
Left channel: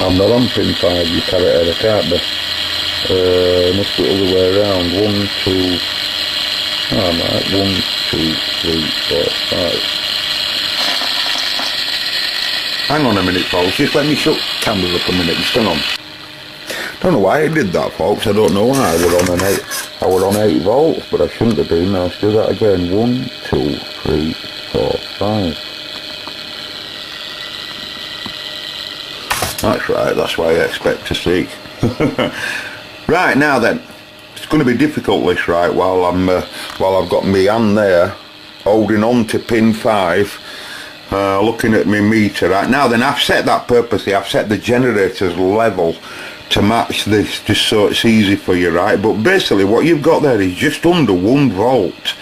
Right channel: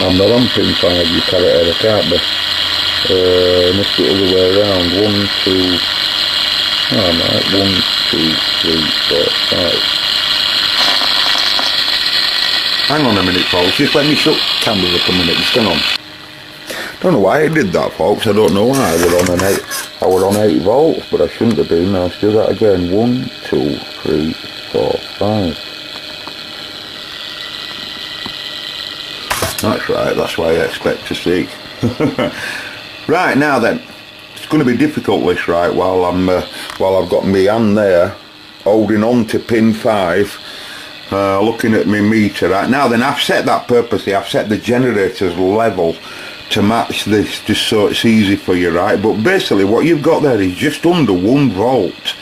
I'm not on pin 5. You carry it out, I can't be. Must be the other way around. 1, 2. Oh, no, 1, 2, 3, 4, 5. Hang on a minute, folks. Just let me shut the camera up a minute. Just hang on. Don't know why I did that, folks. I don't know why. I were on 8 volts, but I shouldn't have been. Now let's do that again. 1, 2, 3, 4, 5. That's right. That's what I expect to see. Right, now then, it's going to be difficult this, right? While I've got my hand there holding on to pin 5. Looking at my meter. Right now then, I've set that purposely. I've set the generator's level to match this, just so it's easy for you, right? But basically what you've got there is just under 1 volt.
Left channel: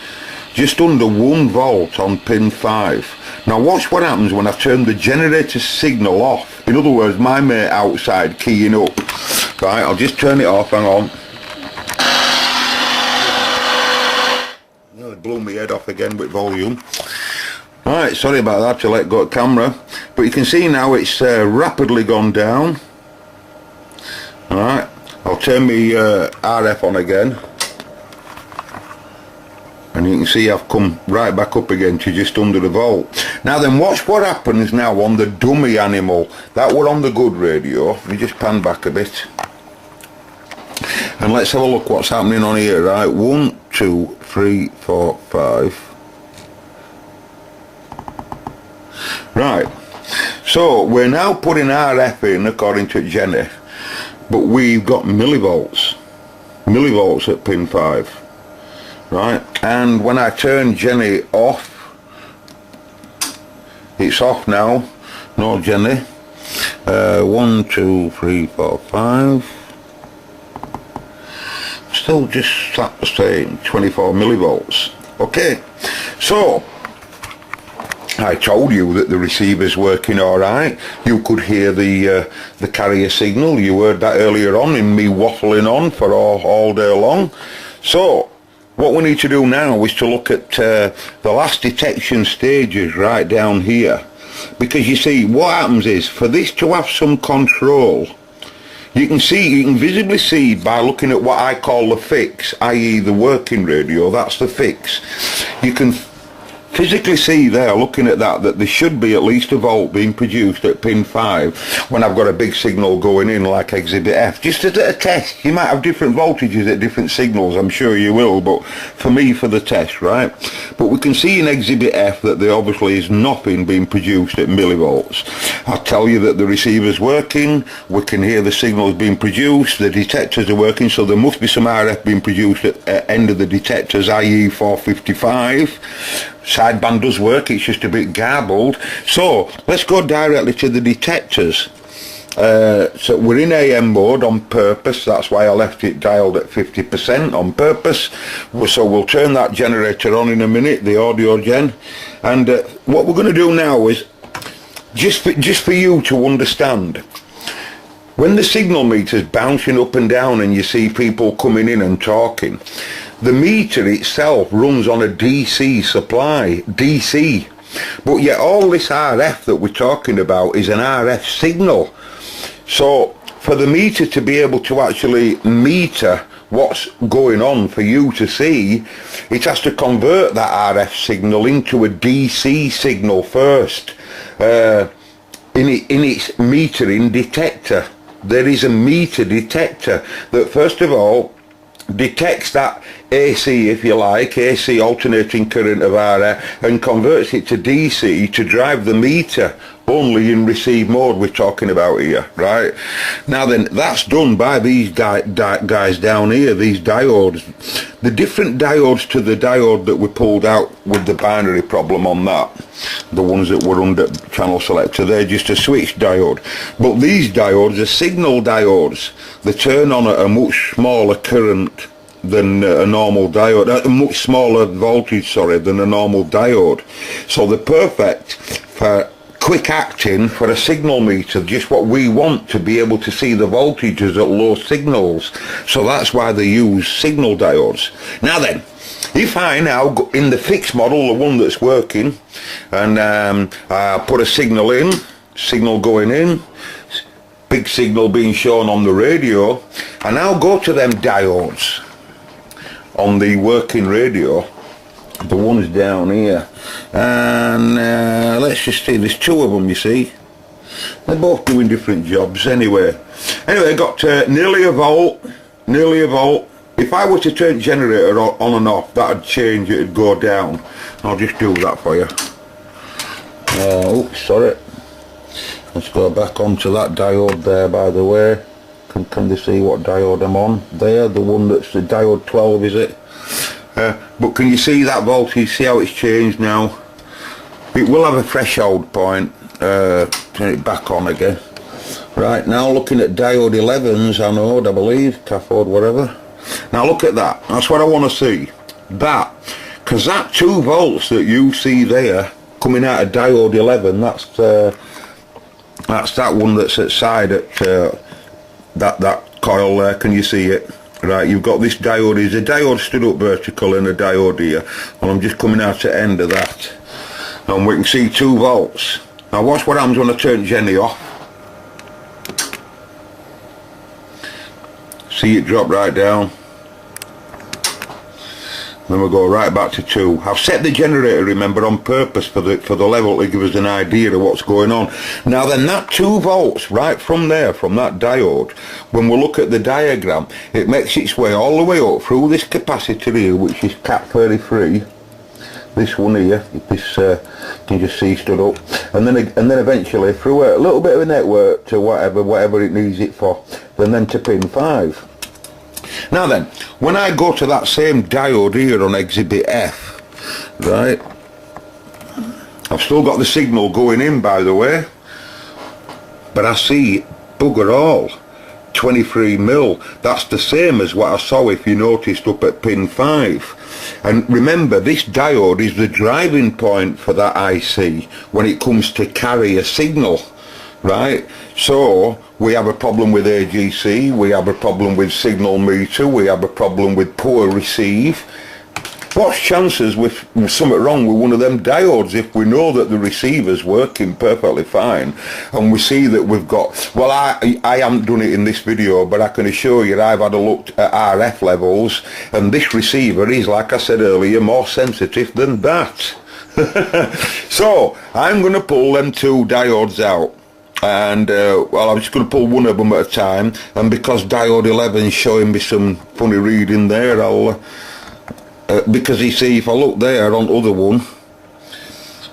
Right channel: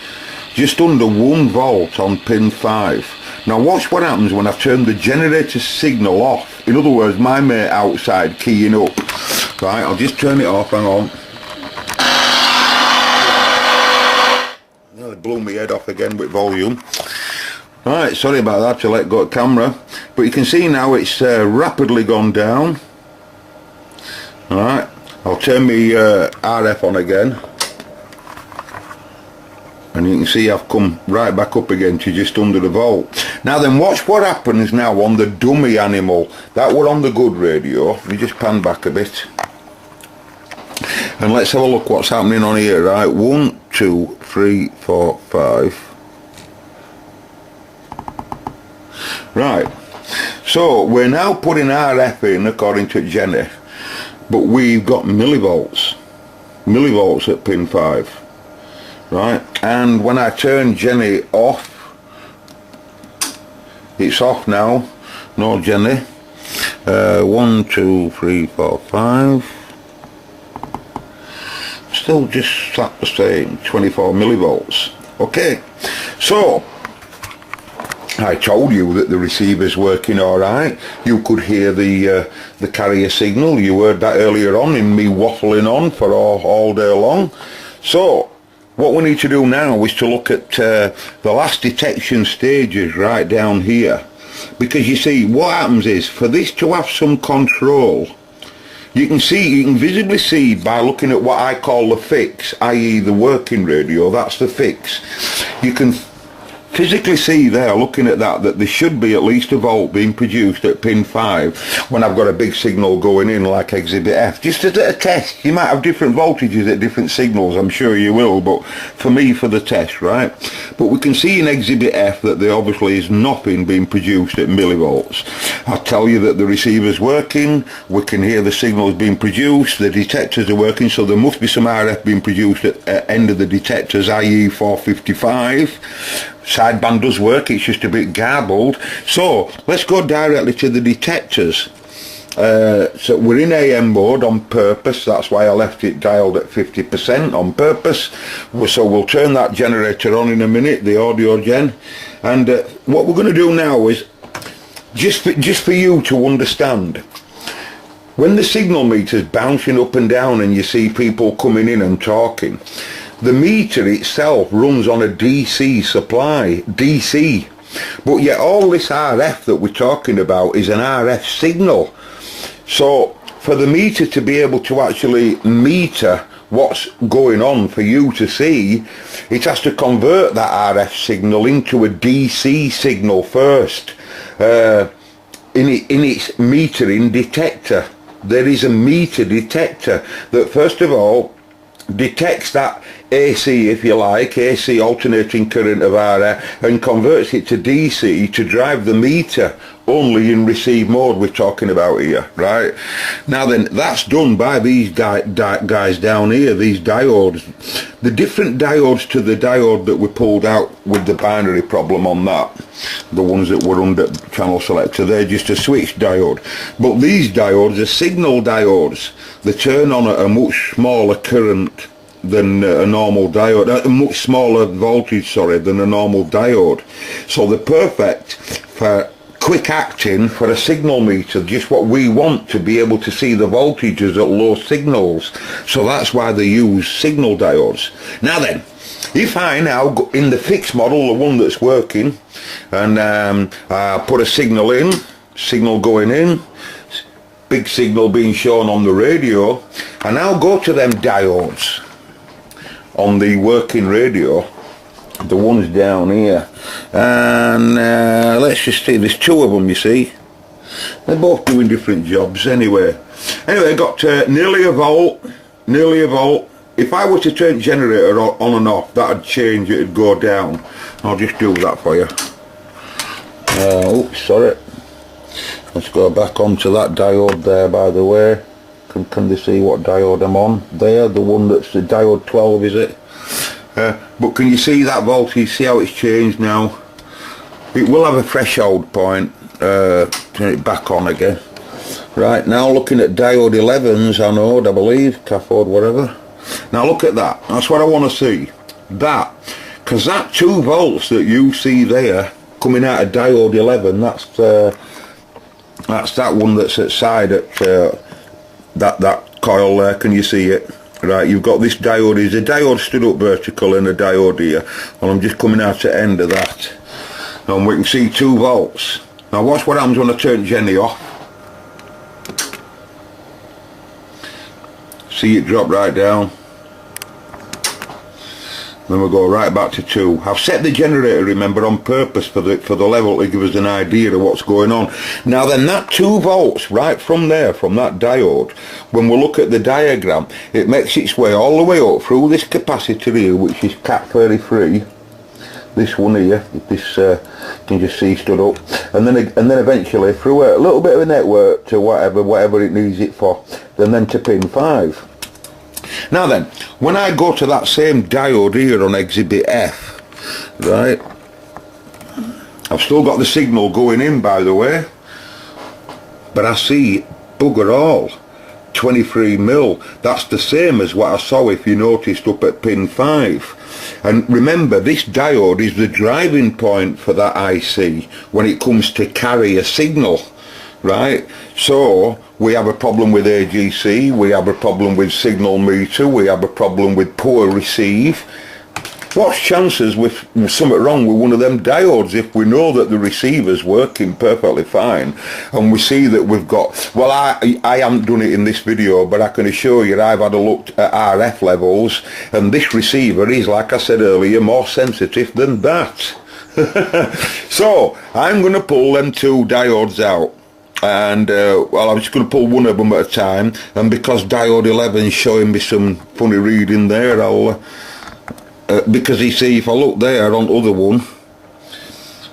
Just under 1 volt on pin 5. Now watch what happens when I turn the generator signal off. In other words, my mate outside keying up. Right, I'll just turn it off, hang on. Oh, it blew my head off again with volume. Right, sorry about that, to let go of camera. But you can see now it's rapidly gone down. Alright, I'll turn my RF on again. And you can see I've come right back up again to just under the volt. Now then, watch what happens now on the dummy animal. That were on the good radio. Let me just pan back a bit. And let's have a look what's happening on here, right? 1, 2, 3, 4, 5. Right. So we're now putting RF in according to Jenny. But we've got millivolts. Millivolts at pin 5. Right, and when I turn Jenny off, it's off now. No Jenny. 1, 2, 3, 4, 5. Still just the same, 24 millivolts. Okay, so I told you that the receiver's working alright. You could hear the carrier signal. You heard that earlier on in me waffling on for all day long. So what we need to do now is to look at the last detection stages right down here. Because you see, what happens is, for this to have some control, you can visibly see by looking at what I call the fix, i.e. the working radio, that's the fix. You can physically see there, looking at that there should be at least a volt being produced at pin 5 when I've got a big signal going in like exhibit F. Just as a test, you might have different voltages at different signals, I'm sure you will, but for me, for the test, right? But we can see in exhibit F that there obviously is nothing being produced at millivolts. I tell you that the receiver's working, we can hear the signals being produced, the detectors are working, so there must be some RF being produced at end of the detectors, i.e. 455. Sideband does work, it's just a bit garbled. So let's go directly to the detectors. So we're in AM mode on purpose, that's why I left it dialed at 50% on purpose. So we'll turn that generator on in a minute, the audio gen. And what we're going to do now is, just for you to understand, when the signal meter's bouncing up and down and you see people coming in and talking, the meter itself runs on a DC supply, DC. But yet all this RF that we're talking about is an RF signal. So for the meter to be able to actually meter what's going on for you to see, it has to convert that RF signal into a DC signal first. In its metering detector. There is a meter detector that first of all detects that AC, if you like, AC alternating current of RF, and converts it to DC to drive the meter only in receive mode we're talking about here, right? Now then, that's done by these guys down here, these diodes. The different diodes to the diode that we pulled out with the binary problem on that, the ones that were under channel selector, they're just a switch diode. But these diodes are signal diodes. They turn on at a much smaller current than a normal diode, a much smaller voltage, sorry, than a normal diode. So they're perfect for quick acting for a signal meter, just what we want to be able to see the voltages at low signals. So that's why they use signal diodes. Now then, if I now go in the fixed model, the one that's working, and I put a signal in, signal going in, big signal being shown on the radio, and now go to them diodes on the working radio, the ones down here, and let's just see, there's two of them, you see. They're both doing different jobs anyway. Anyway, I got nearly a volt. If I were to turn generator on and off, that'd change, it'd go down. I'll just do that for you. Oops, sorry. Let's go back onto that diode there, by the way. Can they see what diode I'm on? There, the one that's the diode 12, is it? But can you see that voltage? See how it's changed now? It will have a threshold point. Turn it back on again. Right, now looking at diode 11's anode, I believe, cathode, whatever. Now look at that, that's what I want to see. That, because that 2 volts that you see there coming out of diode 11, that's that one that's at side at that coil there. Can you see it? Right, you've got this diode. There's a diode stood up vertical and a diode here, and I'm just coming out at the end of that, and we can see 2 volts. Now watch what happens when I turn Jenny off. See it drop right down. Then we'll go right back to 2. I've set the generator, remember, on purpose for the level to give us an idea of what's going on. Now then, that 2 volts right from there, from that diode, when we look at the diagram, it makes its way all the way up through this capacitor here, which is cat 33. This one here, this you can just see stood up, and then eventually through a little bit of a network to whatever it needs it for, and then to pin 5. Now then, when I go to that same diode here on exhibit F, right, I've still got the signal going in, by the way, but I see bugger all 23 mil. That's the same as what I saw, if you noticed, up at pin 5. And remember, this diode is the driving point for that IC when it comes to carry a signal, right? So we have a problem with AGC, we have a problem with signal meter, we have a problem with poor receive. What's chances with something wrong with one of them diodes if we know that the receiver's working perfectly fine, and we see that we've got, well, I haven't done it in this video, but I can assure you I've had a look at RF levels, and this receiver is, like I said earlier, more sensitive than that. So I'm going to pull them 2 diodes out. And well, I'm just going to pull one of them at a time, and because diode 11 is showing me some funny reading there, I'll because you see, if I look there on the other one,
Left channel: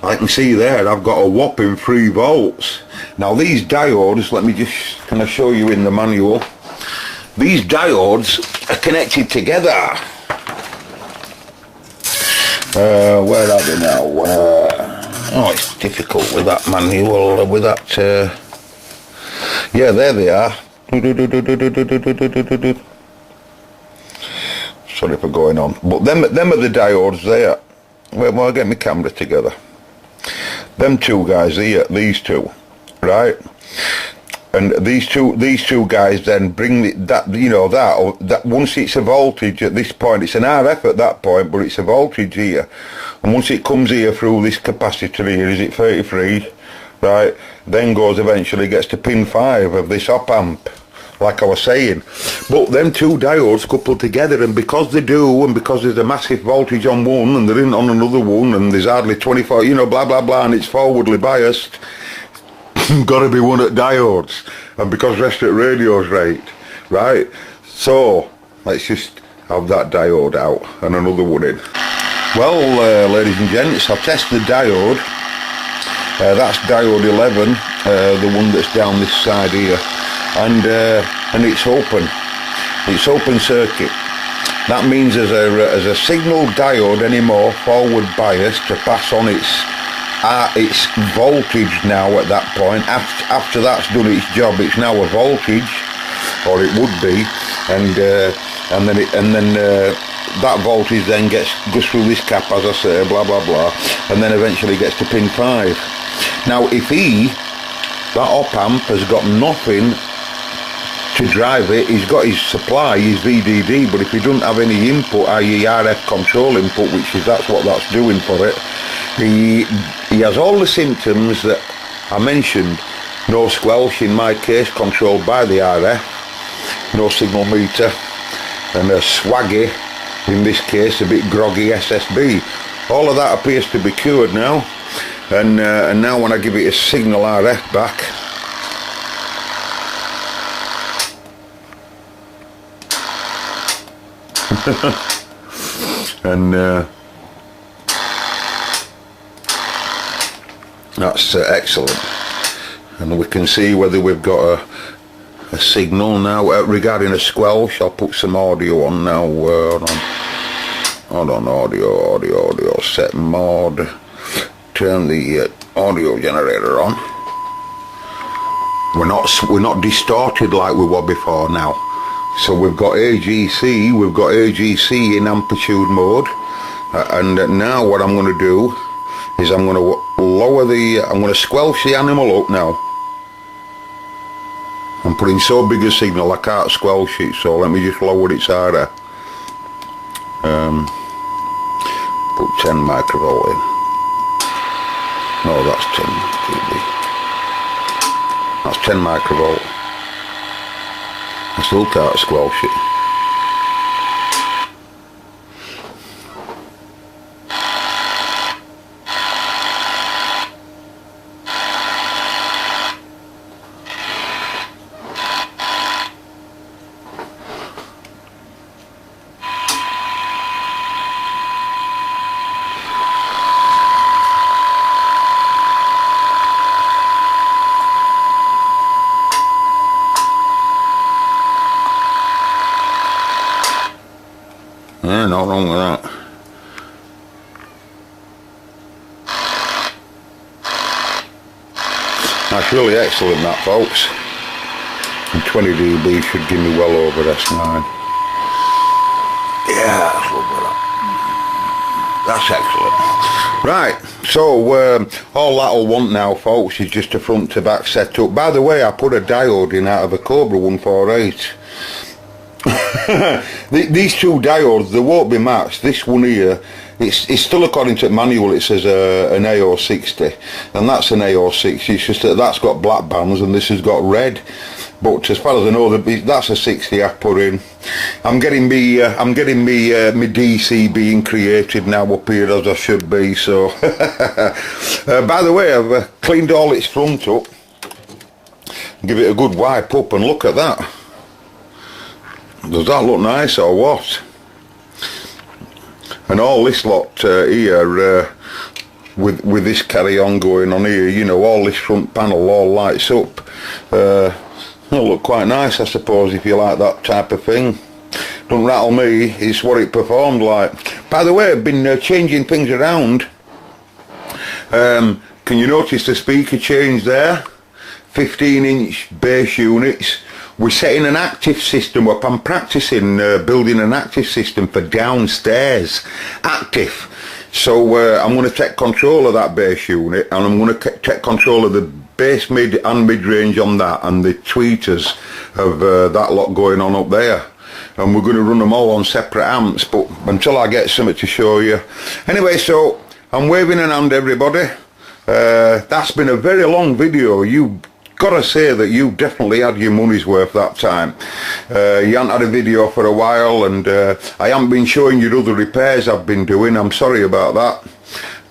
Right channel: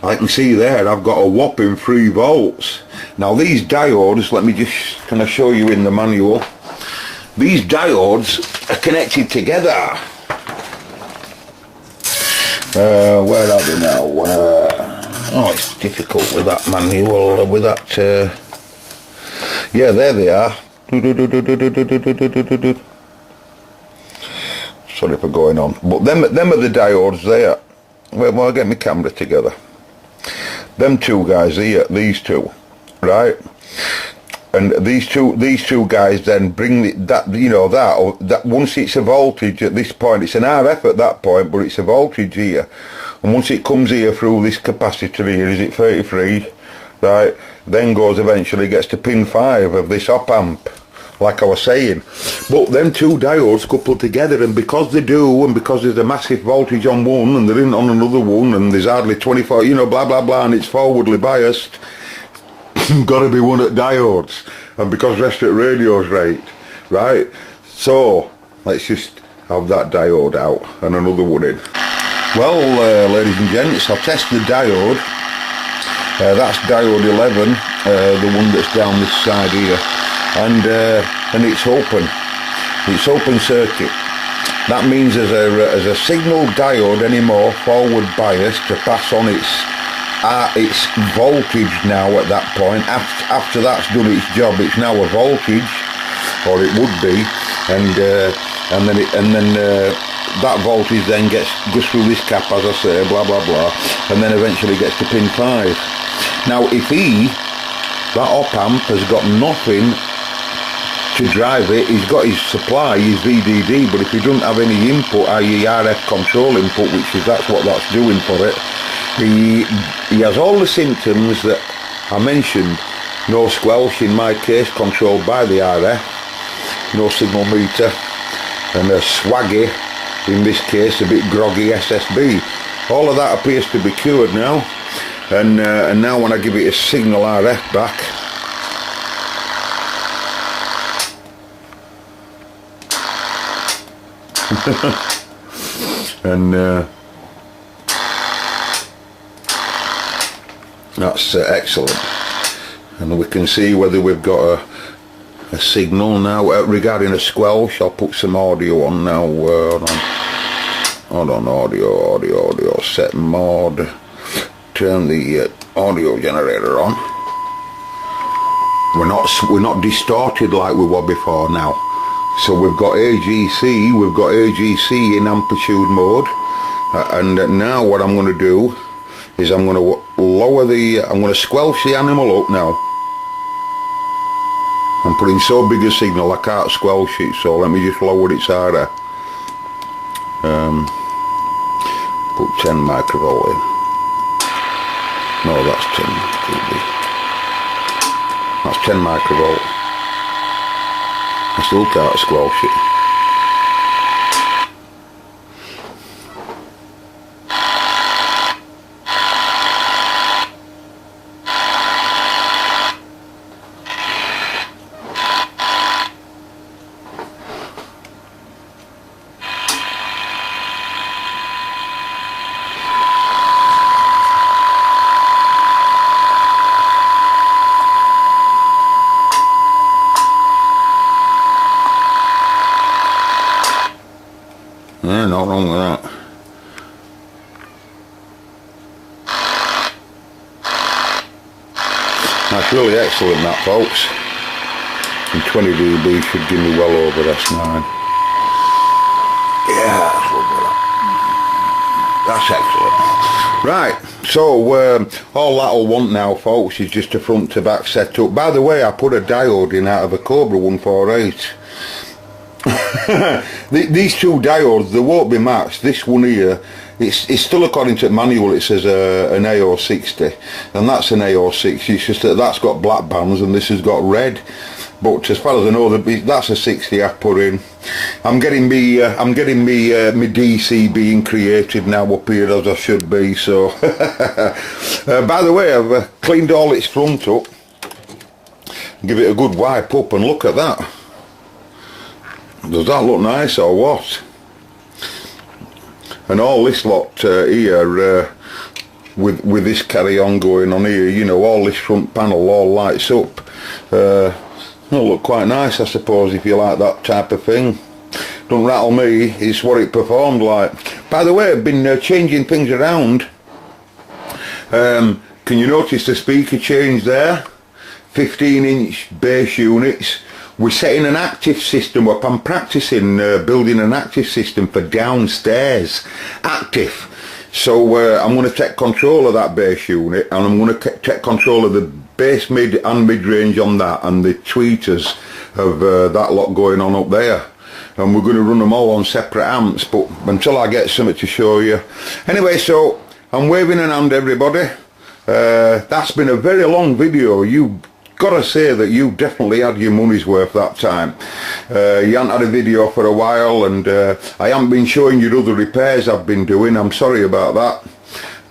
I can see there I've got a whopping 3 volts. Now these diodes, let me just kind of show you in the manual, these diodes are connected together. Where are they now? Oh, it's difficult with that manual, with that, yeah, there they are. Sorry for going on, but them are the diodes there. Well, I'll get my camera together. Them 2 guys here, these 2, right? And these two guys then bring that, you know, that once it's a voltage at this point, it's an RF at that point, but it's a voltage here, and once it comes here through this capacitor here, is it 33, right, then goes, eventually gets to pin 5 of this op amp, like I was saying. But them 2 diodes coupled together, and because they do, and because there's a massive voltage on one and there isn't on another one, and there's hardly 24, you know, blah blah blah, and it's forwardly biased, got to be one at diodes, and because rest at radio's right, so let's just have that diode out and another one in. Well, ladies and gents, I'll test the diode. That's diode 11, the one that's down this side here, and it's open circuit. That means as a signal diode anymore forward bias to pass on its voltage now at that point. After that's done its job, it's now a voltage, or it would be, and then that voltage then goes through this cap, as I say, blah blah blah, and then eventually gets to pin 5. Now if that op amp has got nothing to drive it, he's got his supply, his VDD, but if he doesn't have any input, i.e. RF control input, that's what that's doing for it, he has all the symptoms that I mentioned. No squelch in my case, controlled by the RF, no signal meter, and a swaggy, in this case a bit groggy SSB. All of that appears to be cured now, and now when I give it a signal RF back, and that's excellent, and we can see whether we've got a signal now. Regarding a squelch, I'll put some audio on now. Hold on, audio, set mode, turn the audio generator on. we're not distorted like we were before now. So we've got AGC in amplitude mode, and now what I'm going to do is I'm going to I'm going to squelch the animal up now. I'm putting so big a signal I can't squelch it, so let me just lower its harder. Put 10 microvolt in. No, that's 10 dB. That's 10 microvolt. I still can't squelch it. Yeah, not wrong with that. That's really excellent, that, folks. And 20 dB should give me well over S9. Yeah, that's excellent. Right, so all that'll want now, folks, is just a front to back setup. By the way, I put a diode in out of a Cobra 148. These two diodes, they won't be matched. This one here, it's still according to the manual, it says an AO60, and that's an AO60. It's just that that's got black bands and this has got red. But as far as I know, that's a 60 I've put in. I'm getting me DC being created now up here as I should be. So, by the way, I've cleaned all its front up. Give it a good wipe up and look at that. Does that look nice or what? And all this lot here, with this carry on going on here, you know, all this front panel all lights up. It'll look quite nice, I suppose, if you like that type of thing. Don't rattle me, it's what it performed like. By the way, I've been changing things around. Can you notice the speaker change there? 15-inch bass units. We're setting an active system up. I'm practicing building an active system for downstairs. Active. So I'm going to take control of that bass unit, and I'm going to take control of the bass mid and mid-range on that, and the tweeters of that lot going on up there. And we're going to run them all on separate amps, but until I get something to show you. Anyway, so I'm waving an hand, everybody. That's been a very long video. You gotta say that you definitely had your money's worth that time. You haven't had a video for a while, and I haven't been showing you other repairs I've been doing. I'm sorry about that,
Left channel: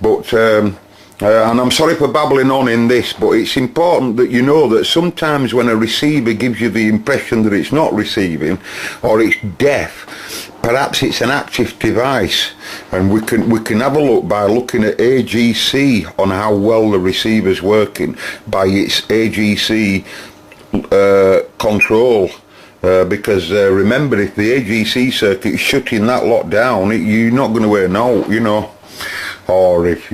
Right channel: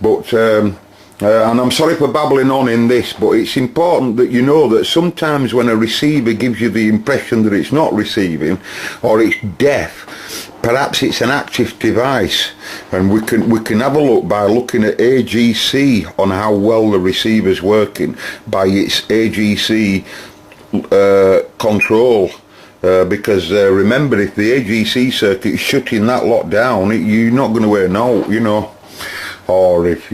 but and I'm sorry for babbling on in this, but it's important that you know that sometimes when a receiver gives you the impression that it's not receiving or it's deaf, perhaps it's an active device, and we can have a look by looking at AGC on how well the receiver's working by its AGC control. Because remember, if the AGC circuit is shutting that lot down, you're not going to hear no, you know, or if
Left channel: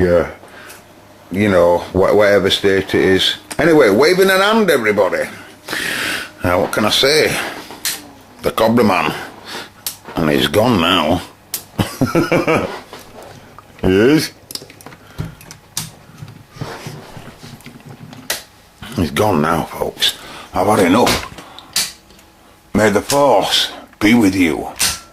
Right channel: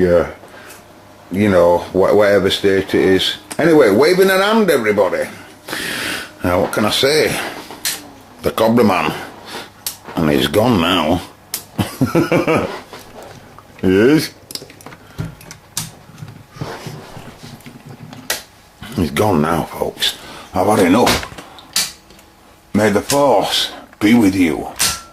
you know, whatever state it is. Anyway, waving an hand, everybody. Now, what can I say? The Cobra Man. And he's gone now. He is. He's gone now, folks. I've had enough. May the force be with you.